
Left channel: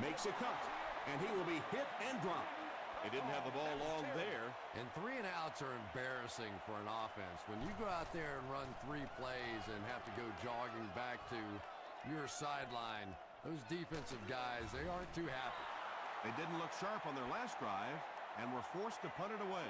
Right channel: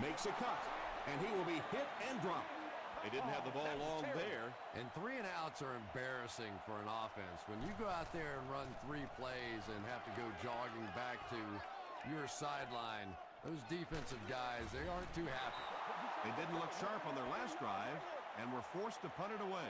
Makes a cut, and he will be hit and dropped. They didn't have the ball long there. And 3 and outs are embarrassing for an offense. When you go out there and run 3 plays and have to go jogging back to your sideline, those defensive guys, they aren't too happy. They didn't look sharp on their last drive and were forced to punt it away.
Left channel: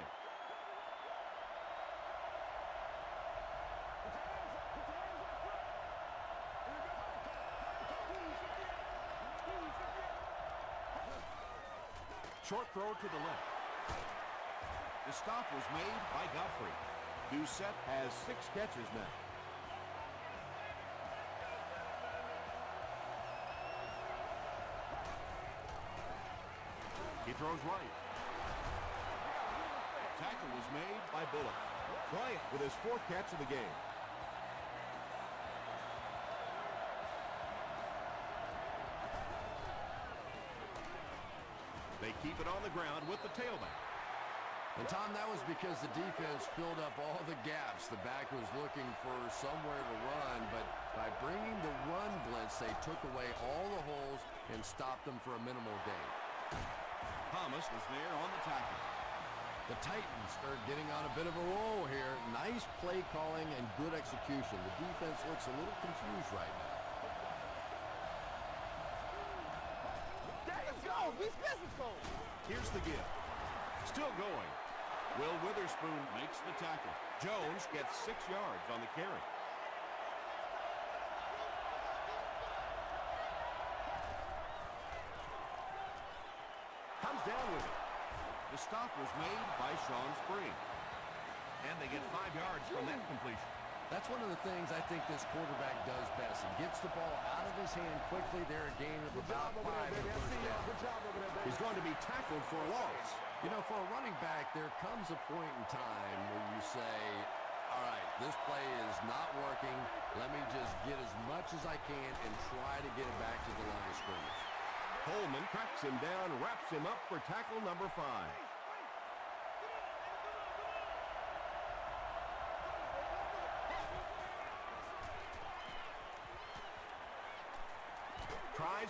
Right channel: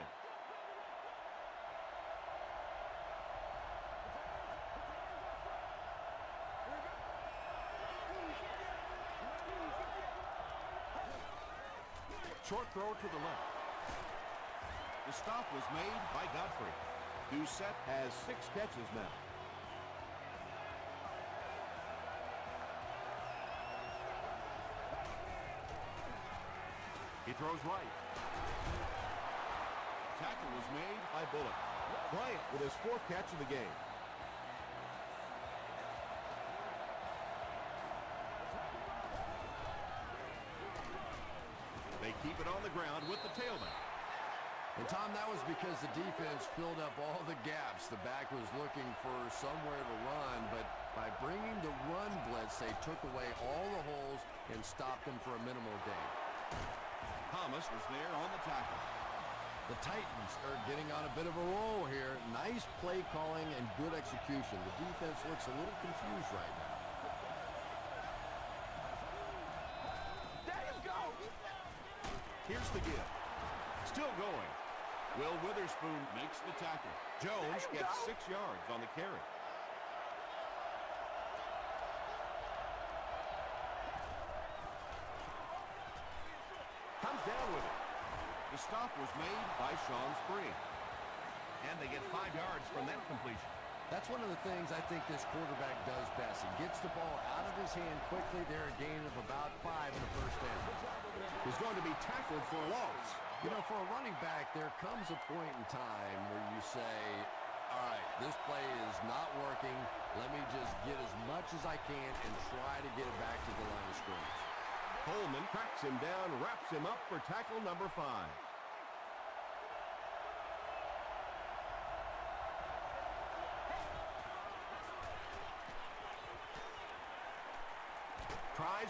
Short throw to the left. The stop was made by Godfrey. Doucette has 6 catches now. He throws right. Tackle was made by Bullock. Bryant with his 4th catch of the game. They keep it on the ground with the tailback. And, Tom, that was because the defense filled up all the gaps. The back was looking for somewhere to run, but by bringing the run blitz, they took away all the holes and stopped them for a minimal gain. Thomas was there on the tackle. The Titans are getting on a bit of a roll here. Nice play calling and good execution. The defense looks a little confused right now. There you go. Be physical. Here's the give. Still going. Will Witherspoon makes the tackle. Jones gets 6 yards on the carry. Comes down with it. The stop was made by Sean Spring. And they get 5 yards from that completion. That's one of the things I think this quarterback does best. He gets the ball out of his hand quickly. They're a gain of about 5 in the first down. Good job over there, baby. He's going to be tackled for a loss. You know, for a running back, there comes a point in time where you say, all right, this play is not working. Let me just get as much as I can and try to get it back to the line of scrimmage. Coleman cracks him down, wraps him up for tackle number 5.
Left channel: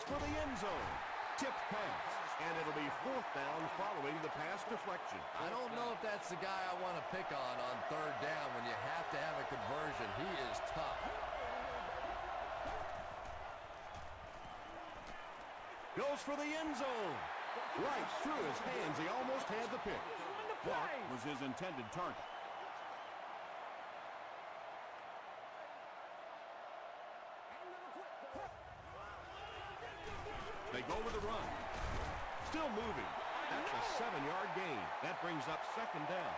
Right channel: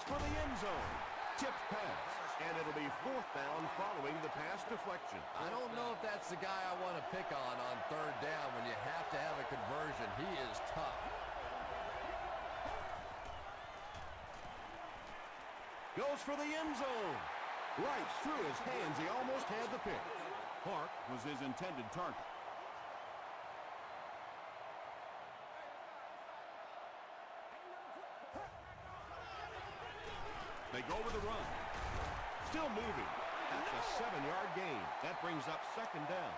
for the end zone. Tipped pass. And it'll be 4th down following the pass deflection. I don't know if that's the guy I want to pick on 3rd down when you have to have a conversion. He is tough. Goes for the end zone. Right through his hands. He almost had the pick. Clark was his intended target. They go with the run. Still moving. That's a 7-yard gain. That brings up 2nd down.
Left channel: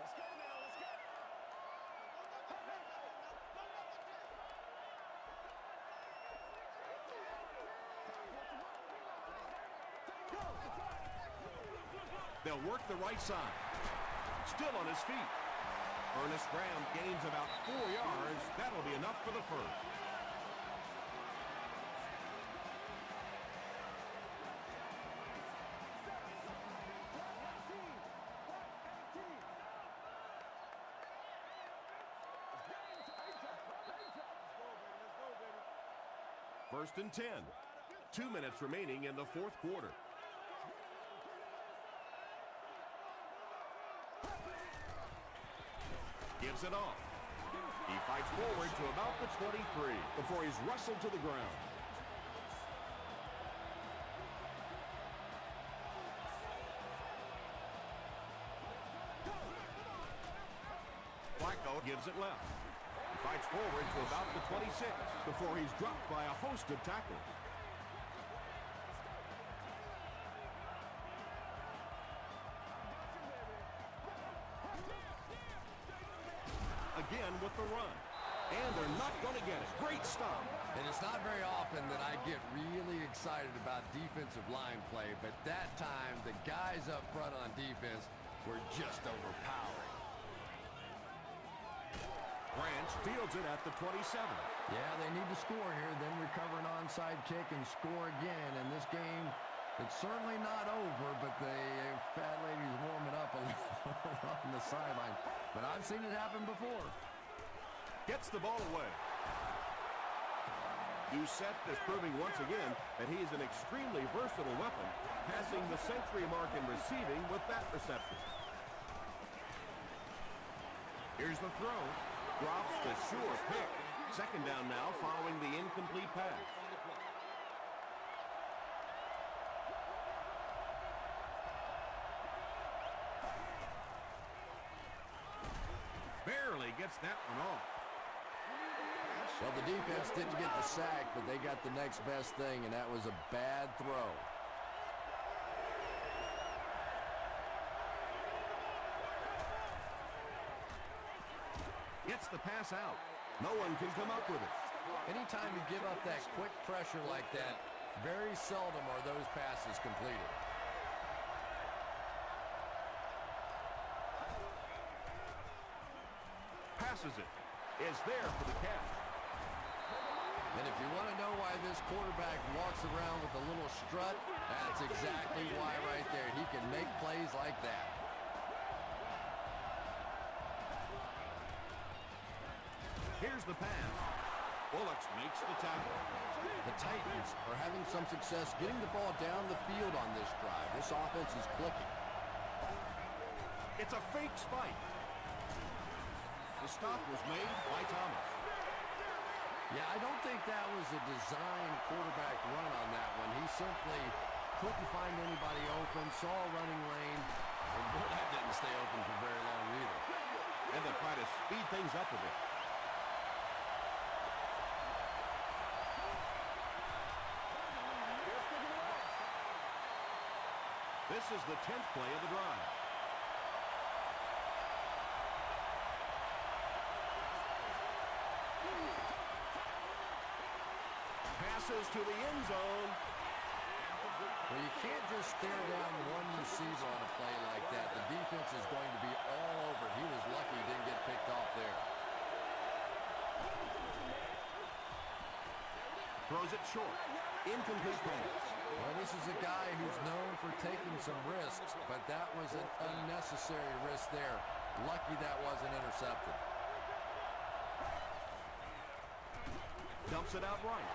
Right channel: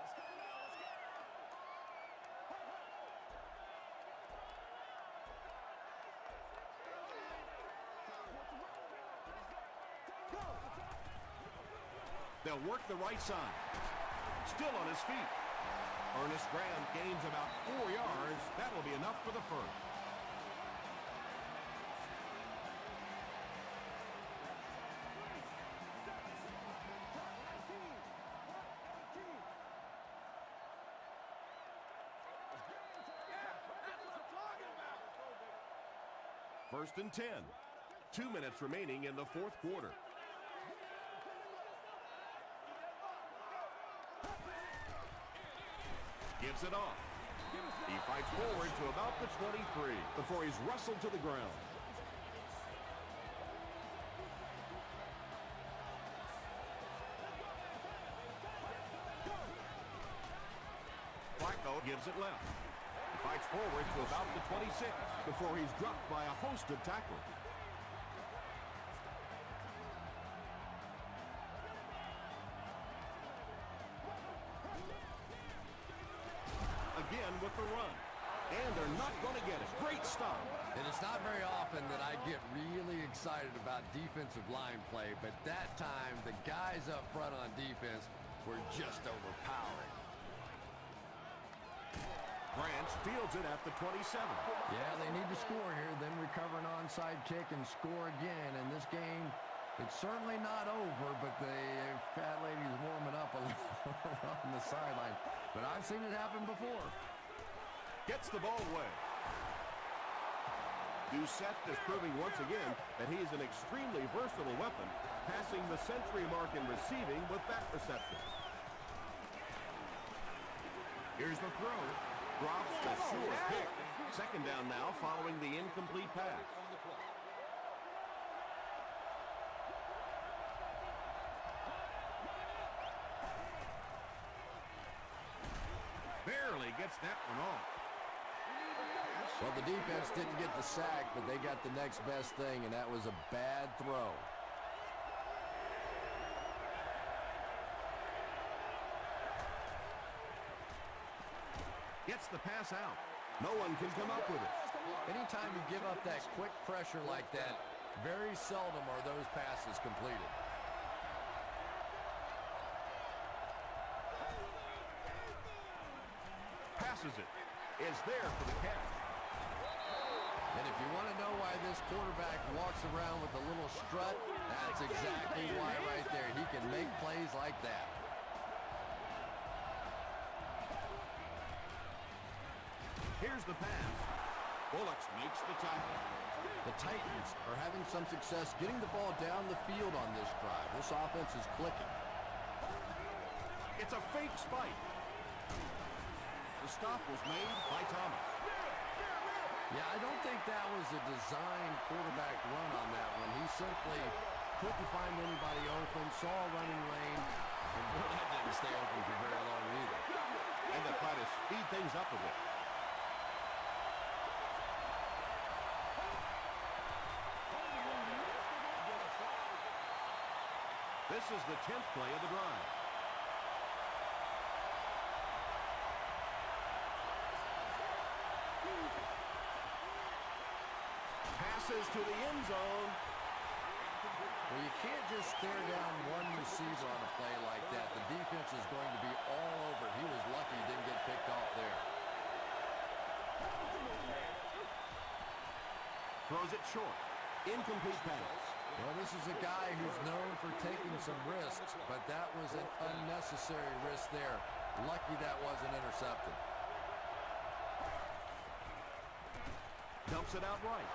Let's go now, let's go. They'll work the right side. Still on his feet. Ernest Graham gains about 4 yards. That'll be enough for the first. First and 10. 2 minutes remaining in the 4th quarter. Gives it off. He fights forward to about the 23 before he's wrestled to the ground. Flacco gives it left. Fights forward to about the 26 before he's dropped by a host of tackles. Again with the run. And they're not going to get it. Great stop. And it's not very often that I get really excited about defensive line play, but that time the guys up front on defense were just overpowering. Branch fields it at the 27. Yeah, they need to score here, then recover an onside kick and score again. And this game, it's certainly not over, but the fat lady's warming up a little on the sideline. But I've seen it happen before. Gets the ball away. Doucette is proving once again that he is an extremely versatile weapon, passing the century mark in receiving with that reception. Here's the throw. Drops the sure pick. 2nd down now following the incomplete pass. Barely gets that one off. Well, the defense didn't get the sack, but they got the next best thing, and that was a bad throw. Gets the pass out. No one can come up with it. Anytime you give up that quick pressure like that, very seldom are those passes completed. Passes it. Is there for the catch. And if you want to know why this quarterback walks around with a little strut, that's exactly why right there. He can make plays like that. Here's the pass. Bullocks makes the tackle. The Titans are having some success getting the ball down the field on this drive. This offense is clicking. It's a fake spike. The stop was made by Thomas. Yeah, I don't think that was a design quarterback run on that one. He simply couldn't find anybody open, saw a running lane, and boy, that didn't stay open for very long either. And they try to speed things up a bit. This is the 10th play of the drive. Passes to the end zone. Well, you can't just stare down one receiver on a play like that. The defense is going to be all over it. He was lucky he didn't get picked off there. Throws it short. Incomplete pass. Well, this is a guy who's known for taking some risks, but that was an unnecessary risk there. Lucky that wasn't intercepted. Dumps it out right.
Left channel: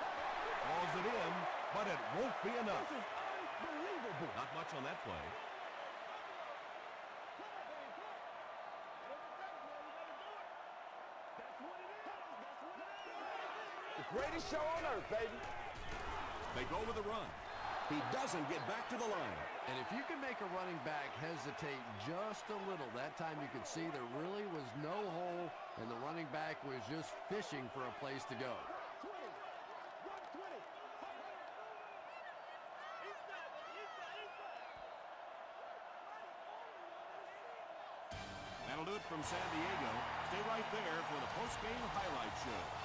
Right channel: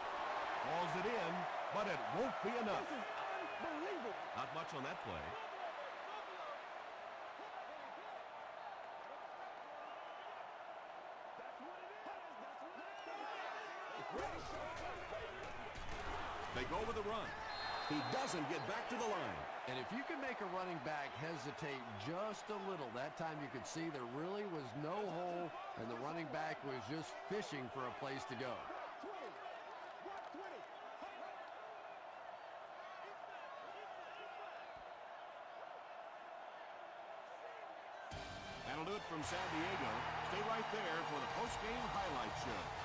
Calls it in, but it won't be enough. This is unbelievable. Not much on that play. That's what it is. That's what it is. The greatest show on earth, baby. They go with a run. He doesn't get back to the line. And if you can make a running back hesitate just a little, that time you could see there really was no hole, and the running back was just fishing for a place to go. Right 20. Right 20. Hey, hey. That'll do it from San Diego. Stay right there for the post-game highlight show.